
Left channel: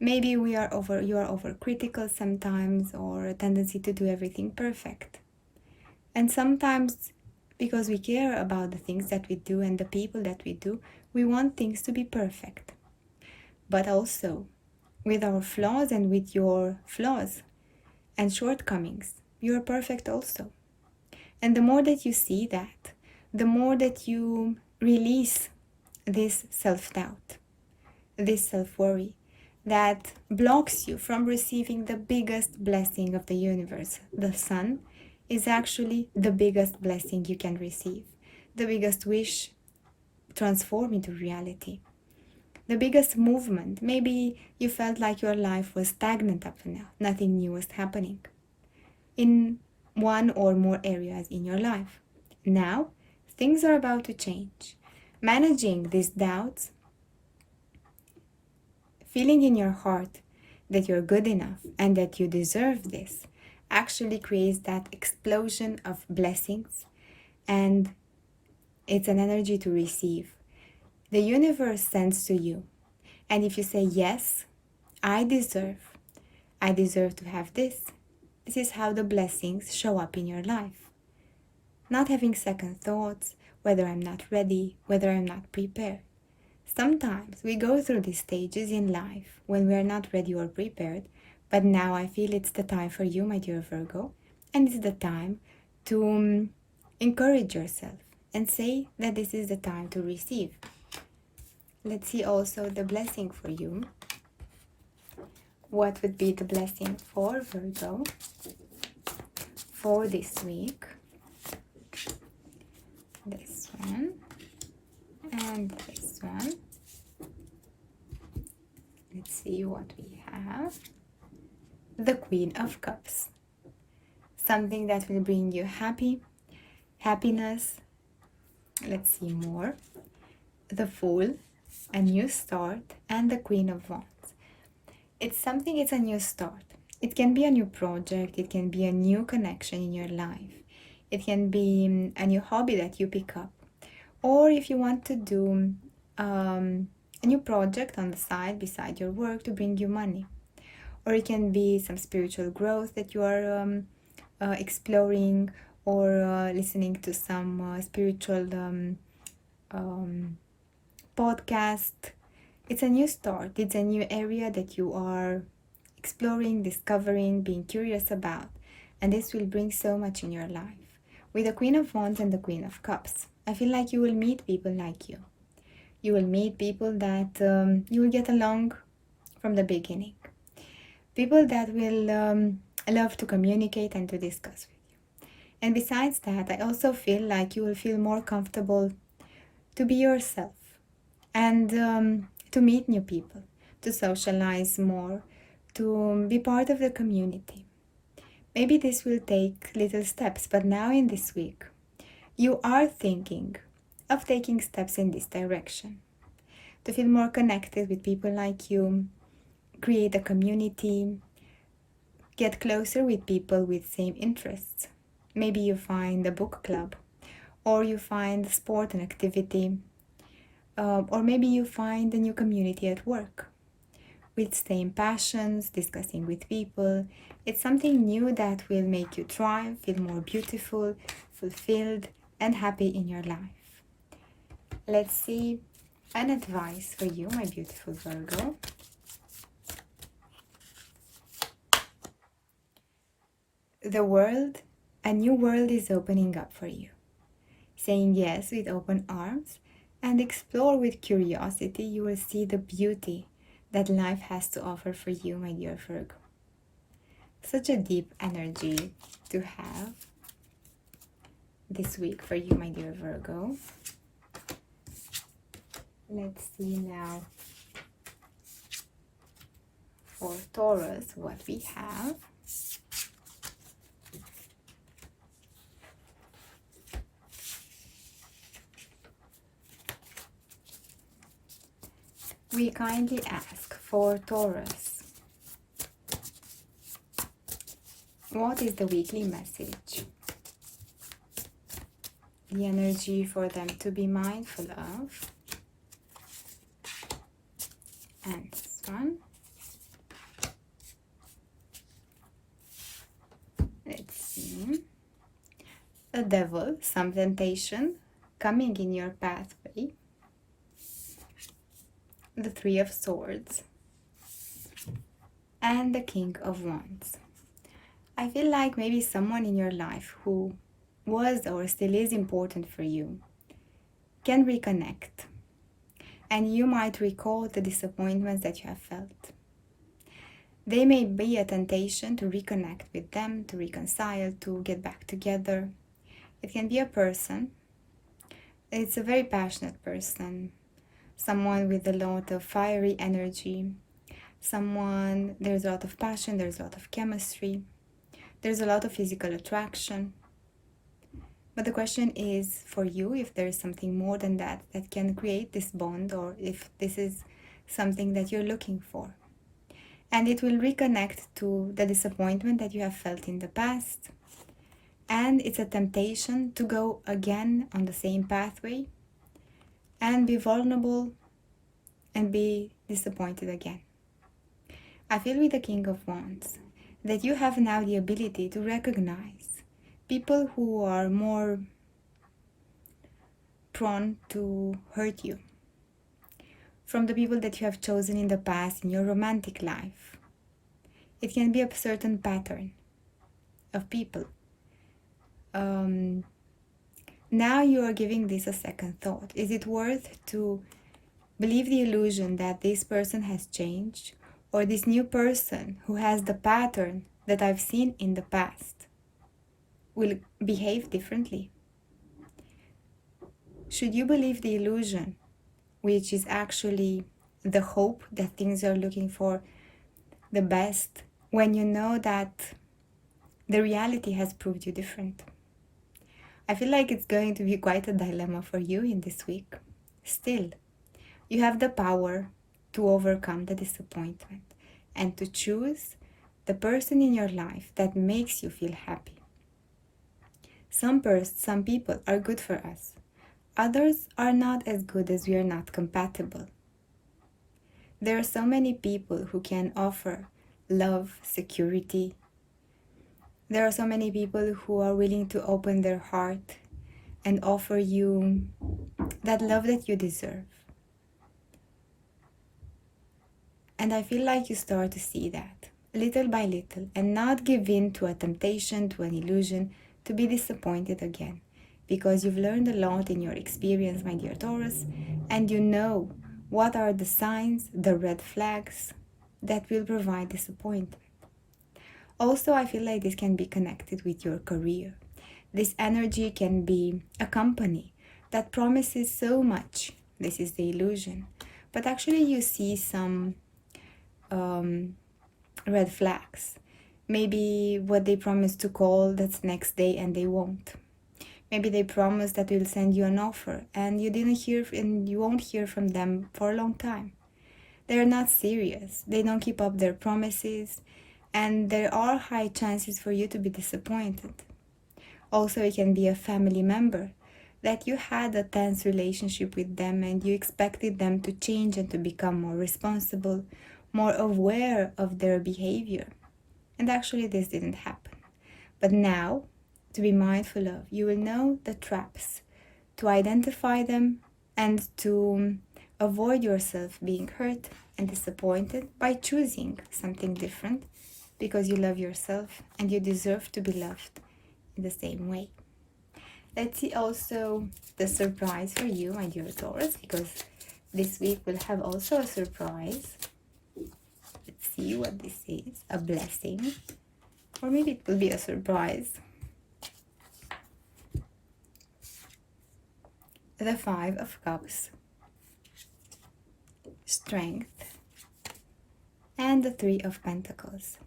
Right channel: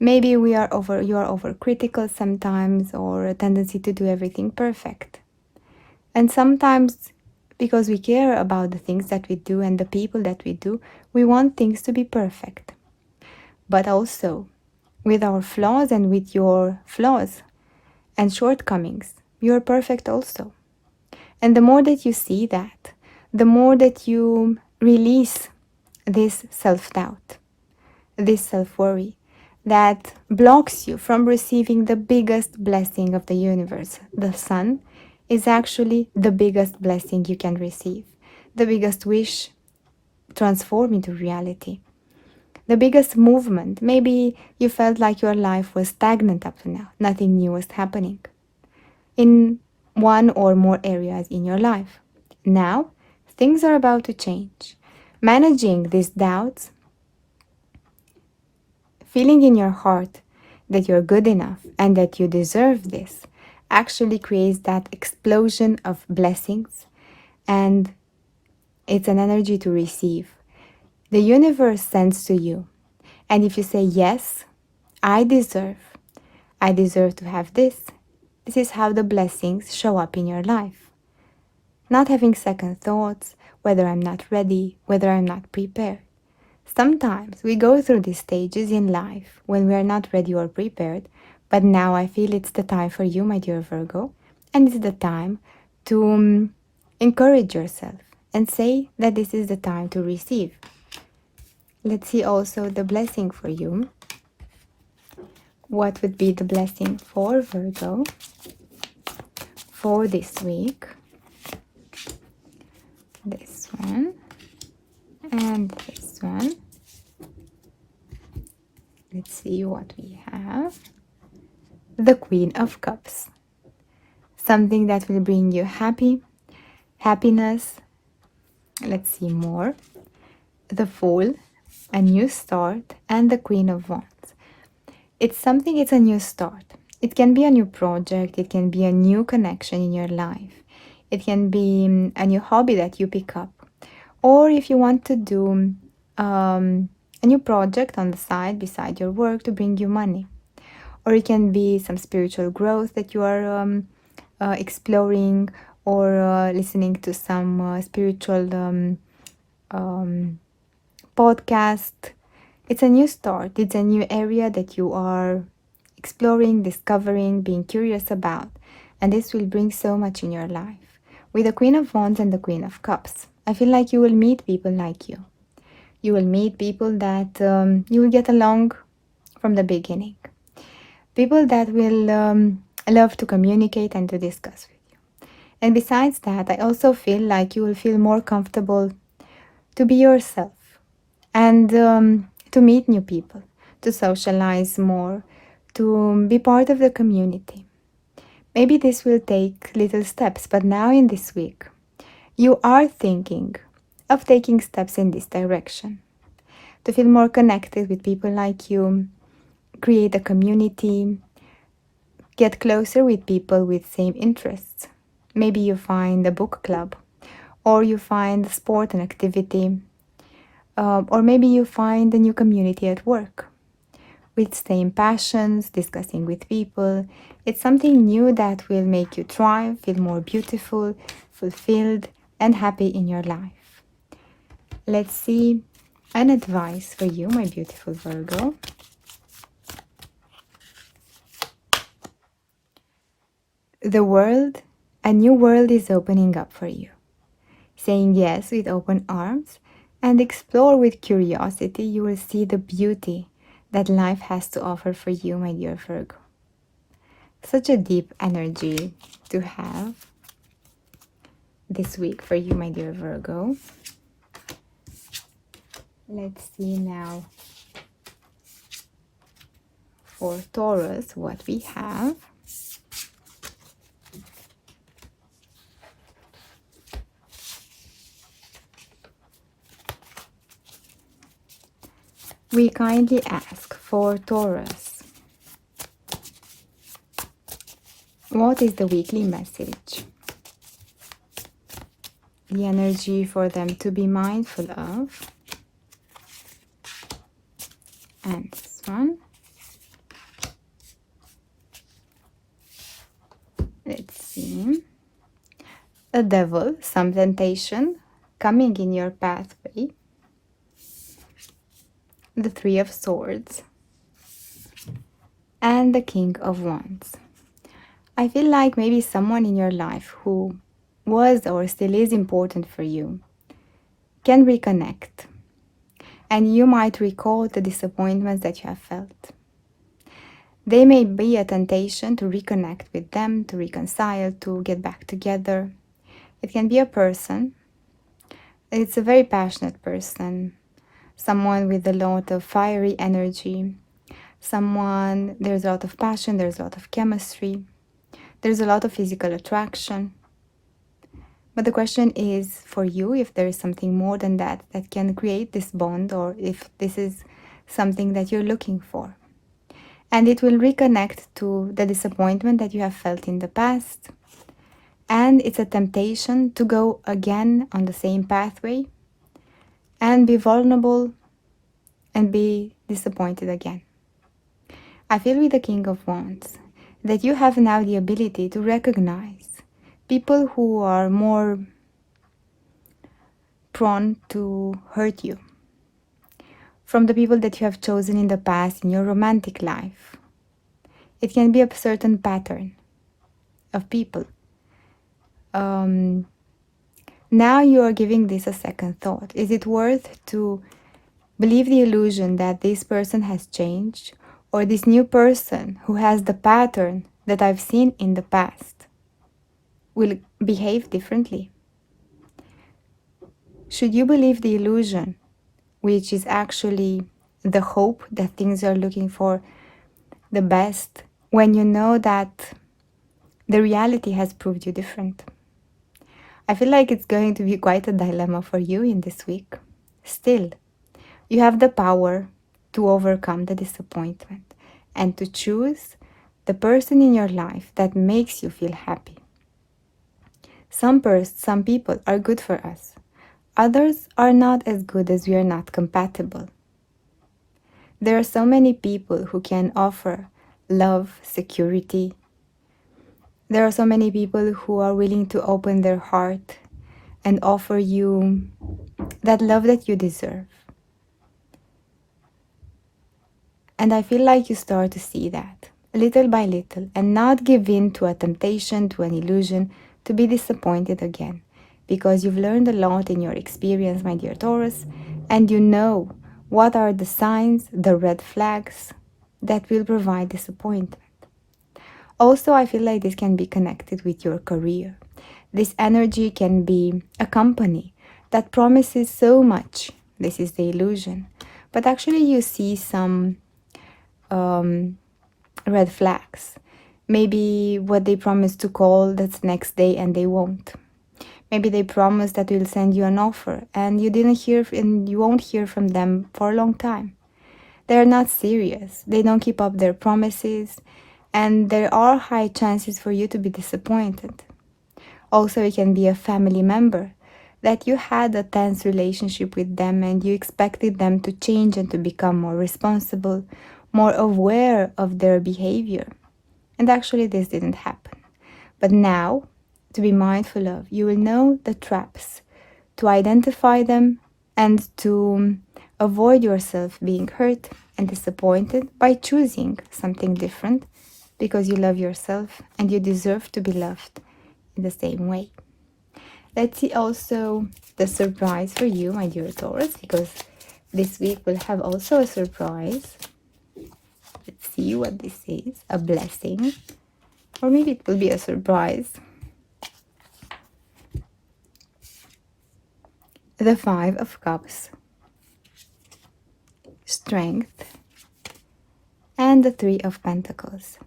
Maybe you are overcritical sometimes, or a tendency to do everything perfect. And sometimes, because we care about the things that we do and the people that we do, we want things to be perfect. But also, with our flaws and with your flaws and shortcomings, you are perfect also. And the more that you see that, the more that you release this self-doubt, this self-worry that blocks you from receiving the biggest blessing of the universe. The sun is actually the biggest blessing you can receive, the biggest wish transformed into reality, the biggest movement. Maybe you felt like your life was stagnant up to now, nothing new was happening in one or more areas in your life. Now, things are about to change. Managing these doubts, feeling in your heart that you're good enough and that you deserve this, actually creates that explosion of blessings, and it's an energy to receive. The universe sends to you, and if you say, yes, I deserve to have this, this is how the blessings show up in your life. Not having second thoughts, whether I'm not ready, whether I'm not prepared. Sometimes we go through these stages in life when we are not ready or prepared, but now I feel it's the time for you, my dear Virgo, and it's the time to encourage yourself and say that this is the time to receive. Let's see also the blessing for you. What would be the blessing for Virgo for this week? This one and this one. Let's see what we have. The Queen of Cups. Something that will bring you happiness. Let's see more. The Fool, a new start, and the Queen of Wands. It's a new start. It can be a new project. It can be a new connection in your life. It can be a new hobby that you pick up. Or if you want to do a new project on the side beside your work to bring you money. Or it can be some spiritual growth that you are exploring, or listening to some spiritual podcast. It's a new start. It's a new area that you are exploring, discovering, being curious about. And this will bring so much in your life. With the Queen of Wands and the Queen of Cups, I feel like you will meet people like you. You will meet people that you will get along from the beginning. People that will love to communicate and to discuss with you. And besides that, I also feel like you will feel more comfortable to be yourself and to meet new people, to socialize more, to be part of the community. Maybe this will take little steps, but now in this week, you are thinking of taking steps in this direction. To feel more connected with people like you, create a community, get closer with people with same interests. Maybe you find a book club, or you find a sport and activity, or maybe you find a new community at work with same passions, discussing with people. It's something new that will make you thrive, feel more beautiful, fulfilled, and happy in your life. Let's see an advice for you, my beautiful Virgo. The world, a new world is opening up for you. Saying yes with open arms and explore with curiosity, you will see the beauty that life has to offer for you, my dear Virgo. Such a deep energy to have this week for you, my dear Virgo. Let's see now for Taurus what we have. We kindly ask for Taurus. What is the weekly message? The energy for them to be mindful of. And this one. Let's see. The devil, some temptation coming in your pathway. The Three of Swords, and the King of Wands. I feel like maybe someone in your life who was or still is important for you can reconnect, and you might recall the disappointments that you have felt. They may be a temptation to reconnect with them, to reconcile, to get back together. It can be a person. It's a very passionate person. Someone with a lot of fiery energy, someone, there's a lot of passion, there's a lot of chemistry, there's a lot of physical attraction. But the question is for you, if there is something more than that that can create this bond, or if this is something that you're looking for. And it will reconnect to the disappointment that you have felt in the past. And it's a temptation to go again on the same pathway and be vulnerable and be disappointed again. I feel with the King of Wands that you have now the ability to recognize people who are more prone to hurt you from the people that you have chosen in the past in your romantic life. It can be a certain pattern of people. Now you are giving this a second thought. Is it worth to believe the illusion that this person has changed, or this new person who has the pattern that I've seen in the past will behave differently? Should you believe the illusion, which is actually the hope that things are looking for the best, when you know that the reality has proved you different? I feel like it's going to be quite a dilemma for you in this week. Still, you have the power to overcome the disappointment and to choose the person in your life that makes you feel happy. Some people are good for us. Others are not as good as we are not compatible. There are so many people who can offer love, security. There are so many people who are willing to open their heart and offer you that love that you deserve. And I feel like you start to see that little by little and not give in to a temptation, to an illusion, to be disappointed again. Because you've learned a lot in your experience, my dear Taurus, and you know what are the signs, the red flags that will provide disappointment. Also, I feel like this can be connected with your career. This energy can be a company that promises so much. This is the illusion. But actually you see some red flags. Maybe what they promised to call, that's next day and they won't. Maybe they promised that we'll send you an offer and you didn't hear, and you won't hear from them for a long time. They're not serious. They don't keep up their promises, and there are high chances for you to be disappointed. Also, it can be a family member that you had a tense relationship with them and you expected them to change and to become more responsible, more aware of their behavior. And actually this didn't happen. But now, to be mindful of, you will know the traps, to identify them and to avoid yourself being hurt and disappointed by choosing something different, because you love yourself and you deserve to be loved in the same way. Let's see also the surprise for you, my dear Taurus, because this week we'll have also a surprise. Let's see what this is. A blessing. Or maybe it will be a surprise. The Five of Cups. Strength. And the Three of Pentacles.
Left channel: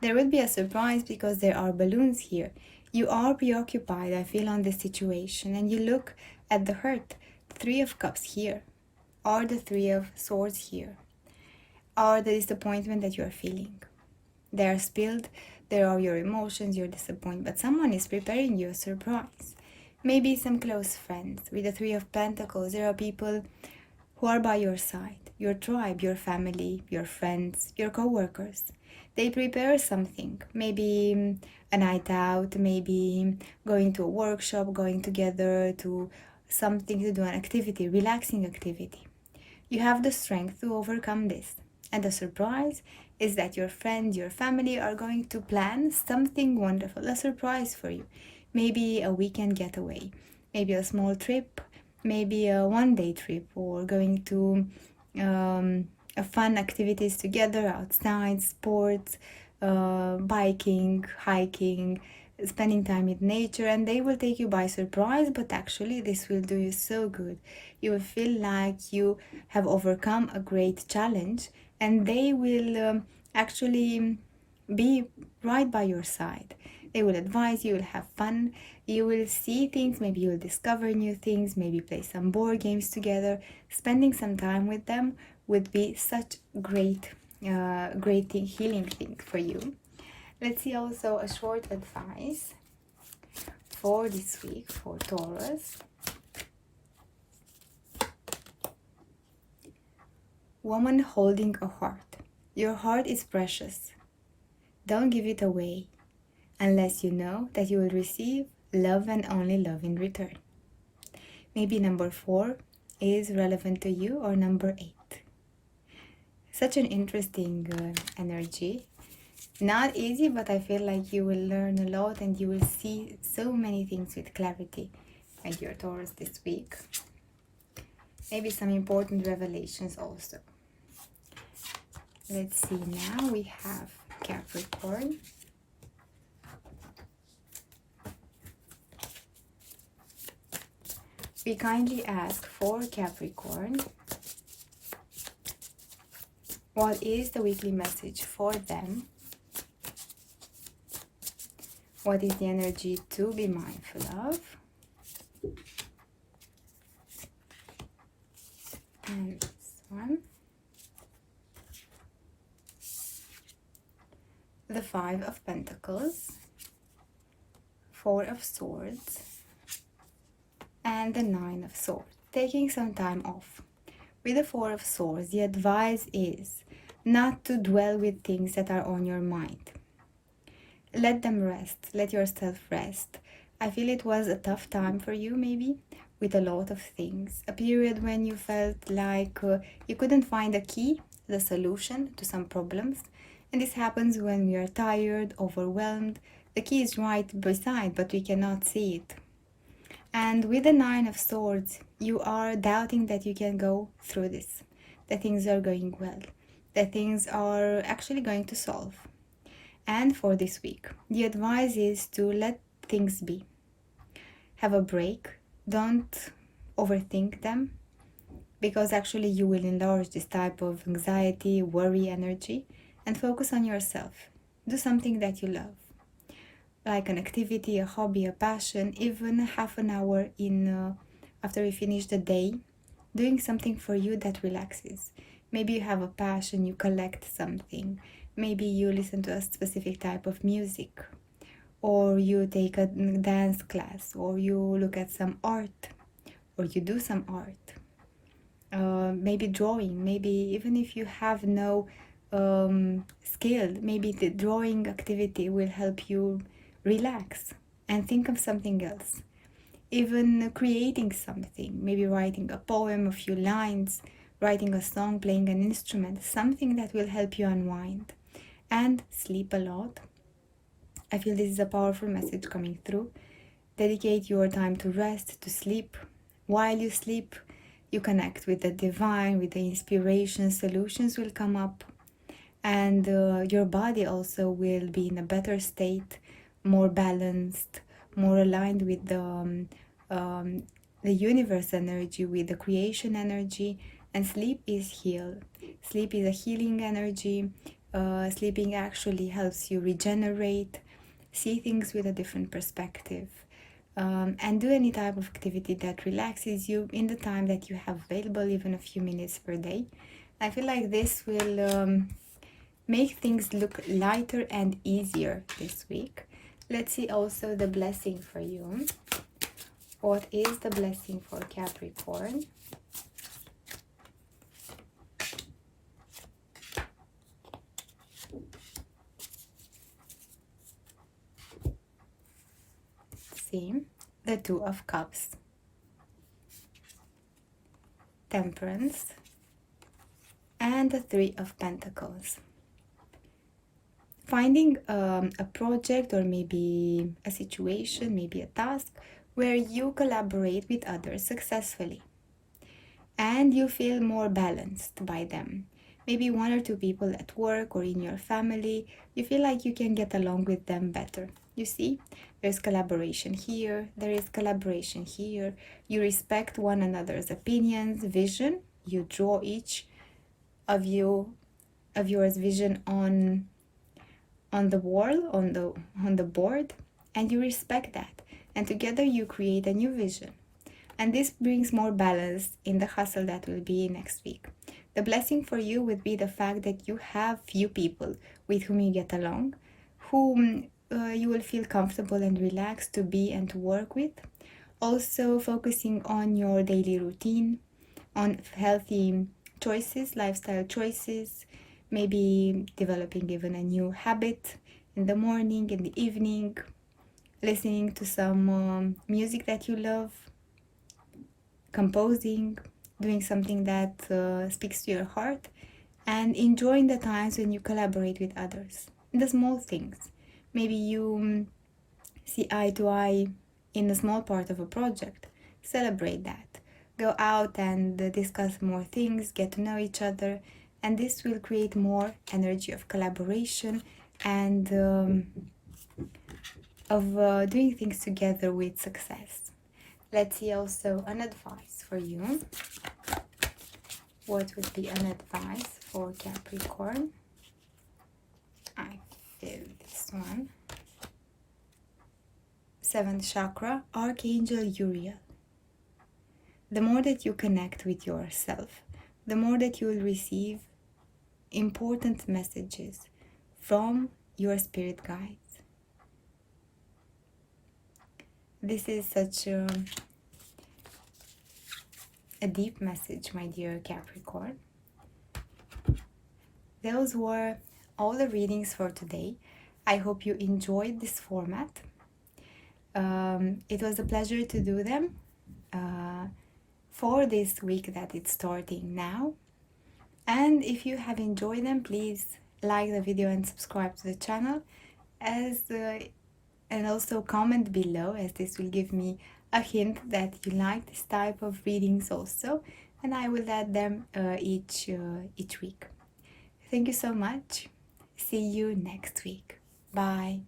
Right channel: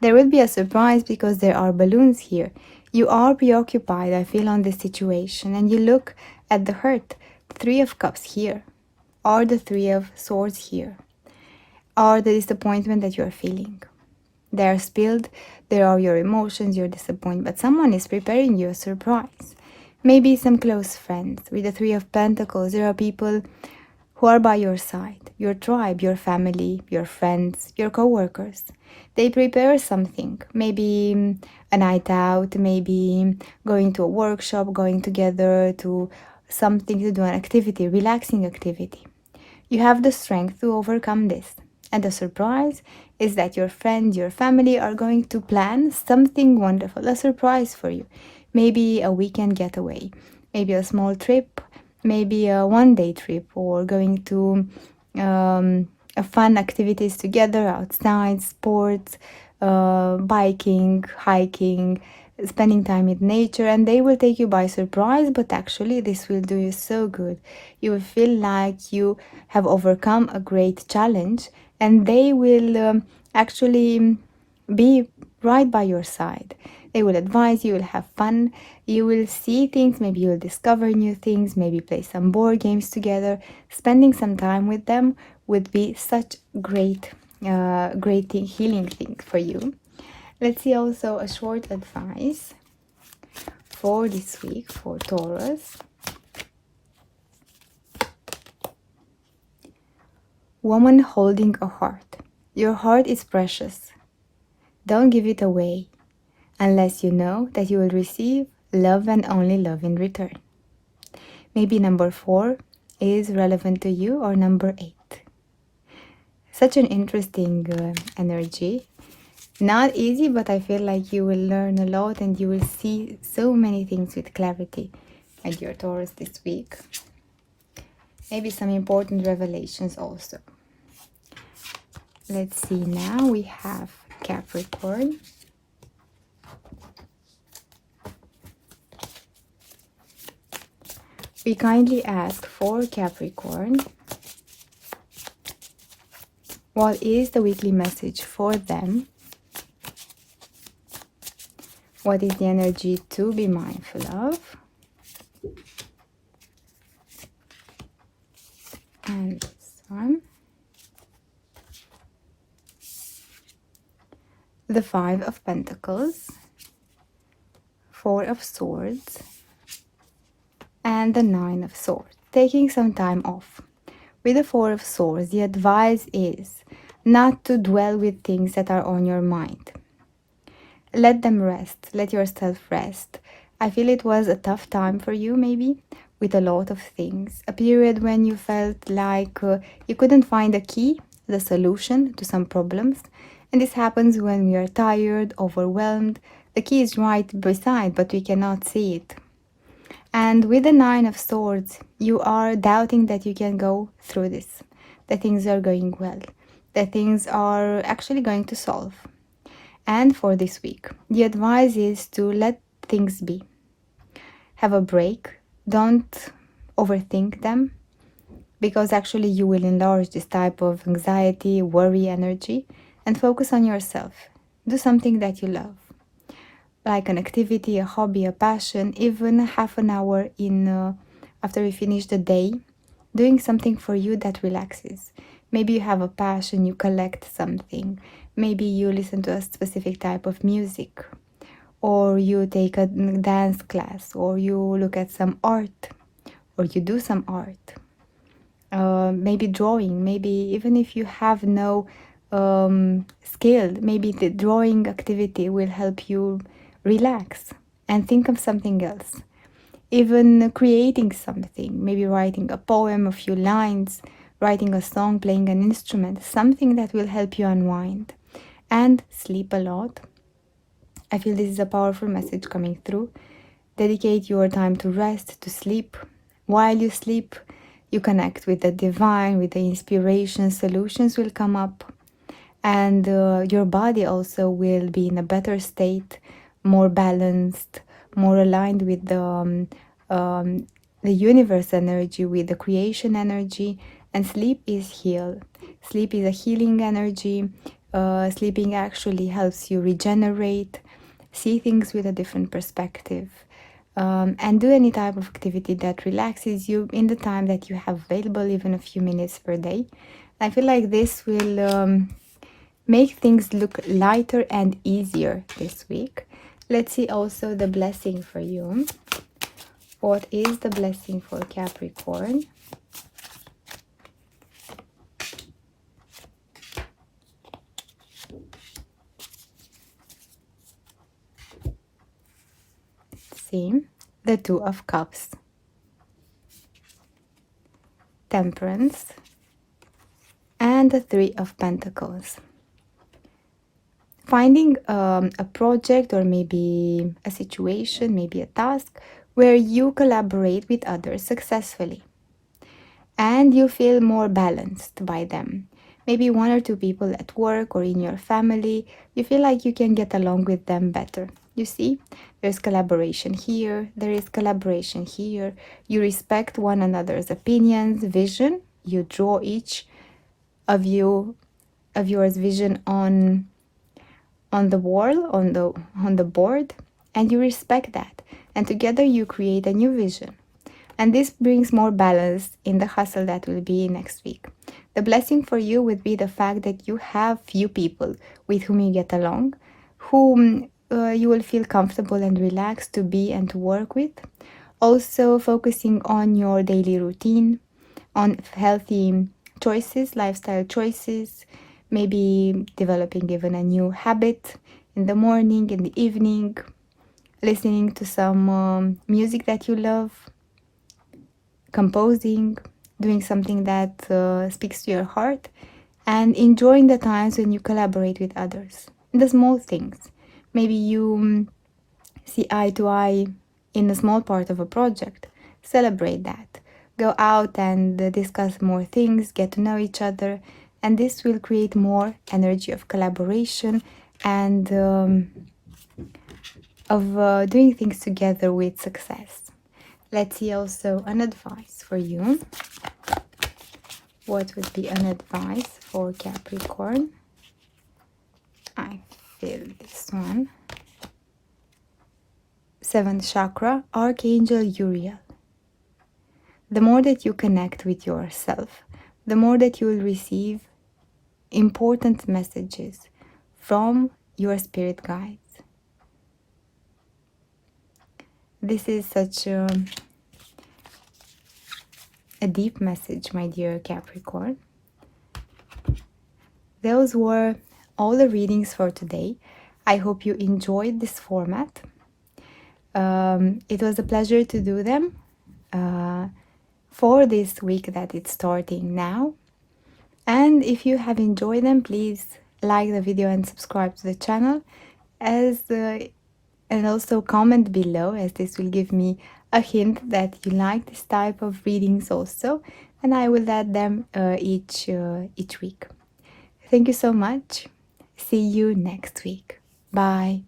There will be a surprise because there are balloons here. You are preoccupied, I feel, on this situation. And you look at the hurt. The Three of Cups here. Or the Three of Swords here. Or the disappointment that you're feeling. They are spilled. There are your emotions, your disappointment. But someone is preparing you a surprise. Maybe some close friends. With the Three of Pentacles, there are people who are by your side. Your tribe, your family, your friends, your co-workers. They prepare something. Maybe a night out, maybe going to a workshop, going together to something to do, an activity, relaxing activity. You have the strength to overcome this. And the surprise is that your friends, your family are going to plan something wonderful, a surprise for you. Maybe a weekend getaway, maybe a small trip, maybe a one-day trip, or going to fun activities together outside, sports, biking, hiking, spending time in nature, and they will take you by surprise, but actually this will do you so good. You will feel like you have overcome a great challenge, and they will actually be right by your side. They will advise you, will have fun, you will see things, maybe you will discover new things, maybe play some board games together. Spending some time with them would be such great thing, healing thing for you. Let's see also a short advice for this week for Taurus. Woman holding a heart. Your heart is precious. Don't give it away unless you know that you will receive love and only love in return. Maybe number 4 is relevant to you, or number 8. Such an interesting energy. Not easy, but I feel like you will learn a lot and you will see so many things with clarity, my dear Taurus, this week. Maybe some important revelations also. Let's see, now we have Capricorn. We kindly ask for Capricorn, what is the weekly message for them? What is the energy to be mindful of? And this one. The Five of Pentacles, Four of Swords, and the Nine of Swords. Taking some time off. With the Four of Swords, the advice is not to dwell with things that are on your mind. Let them rest. Let yourself rest. I feel it was a tough time for you, maybe, with a lot of things. A period when you felt like you couldn't find a key, the solution to some problems. And this happens when we are tired, overwhelmed. The key is right beside, but we cannot see it. And with the Nine of Swords, you are doubting that you can go through this, that things are going well, that things are actually going to solve. And for this week, the advice is to let things be. Have a break. Don't overthink them, because actually you will enlarge this type of anxiety, worry, energy, and focus on yourself. Do something that you love, like an activity, a hobby, a passion, even half an hour after you finish the day, doing something for you that relaxes. Maybe you have a passion, you collect something. Maybe you listen to a specific type of music, or you take a dance class, or you look at some art, or you do some art. Maybe drawing, maybe even if you have no skill, maybe the drawing activity will help you relax and think of something else. Even creating something, maybe writing a poem, a few lines, writing a song, playing an instrument, something that will help you unwind. And sleep a lot. I feel this is a powerful message coming through. Dedicate your time to rest, to sleep. While you sleep, you connect with the divine, with the inspiration, solutions will come up. And your body also will be in a better state, more balanced, more aligned with the universe energy, with the creation energy. And sleep is heal. Sleep is a healing energy. Sleeping actually helps you regenerate, see things with a different perspective, and do any type of activity that relaxes you in the time that you have available, even a few minutes per day. I feel like this will make things look lighter and easier this week. Let's see also the blessing for you. What is the blessing for Capricorn? See, the Two of Cups, Temperance, and the Three of Pentacles. Finding a project, or maybe a situation, maybe a task where you collaborate with others successfully and you feel more balanced by them. Maybe one or two people at work or in your family, you feel like you can get along with them better. You see, there's collaboration here, there is collaboration here. You respect one another's opinions, vision. You draw each of yours vision on the wall, on the board, and you respect that. And together you create a new vision. And this brings more balance in the hustle that will be next week. The blessing for you would be the fact that you have few people with whom you get along, whom you will feel comfortable and relaxed to be and to work with. Also focusing on your daily routine, on healthy choices, lifestyle choices, maybe developing even a new habit in the morning, in the evening, listening to some music that you love, composing, doing something that speaks to your heart, and enjoying the times when you collaborate with others. The small things. Maybe you see eye to eye in a small part of a project. Celebrate that. Go out and discuss more things, get to know each other, and this will create more energy of collaboration and of doing things together with success. Let's see also an advice for you. What would be an advice for Capricorn? I feel this one. 7th chakra, Archangel Uriel. The more that you connect with yourself, the more that you will receive important messages from your spirit guides. This is such a a deep message, my dear Capricorn. Those were all the readings for today. I hope you enjoyed this format. It was a pleasure to do them for this week that it's starting now. And if you have enjoyed them, please like the video and subscribe to the channel, and also comment below, as this will give me a hint that you like this type of readings also, and I will add them each week. Thank you so much. See you next week. Bye.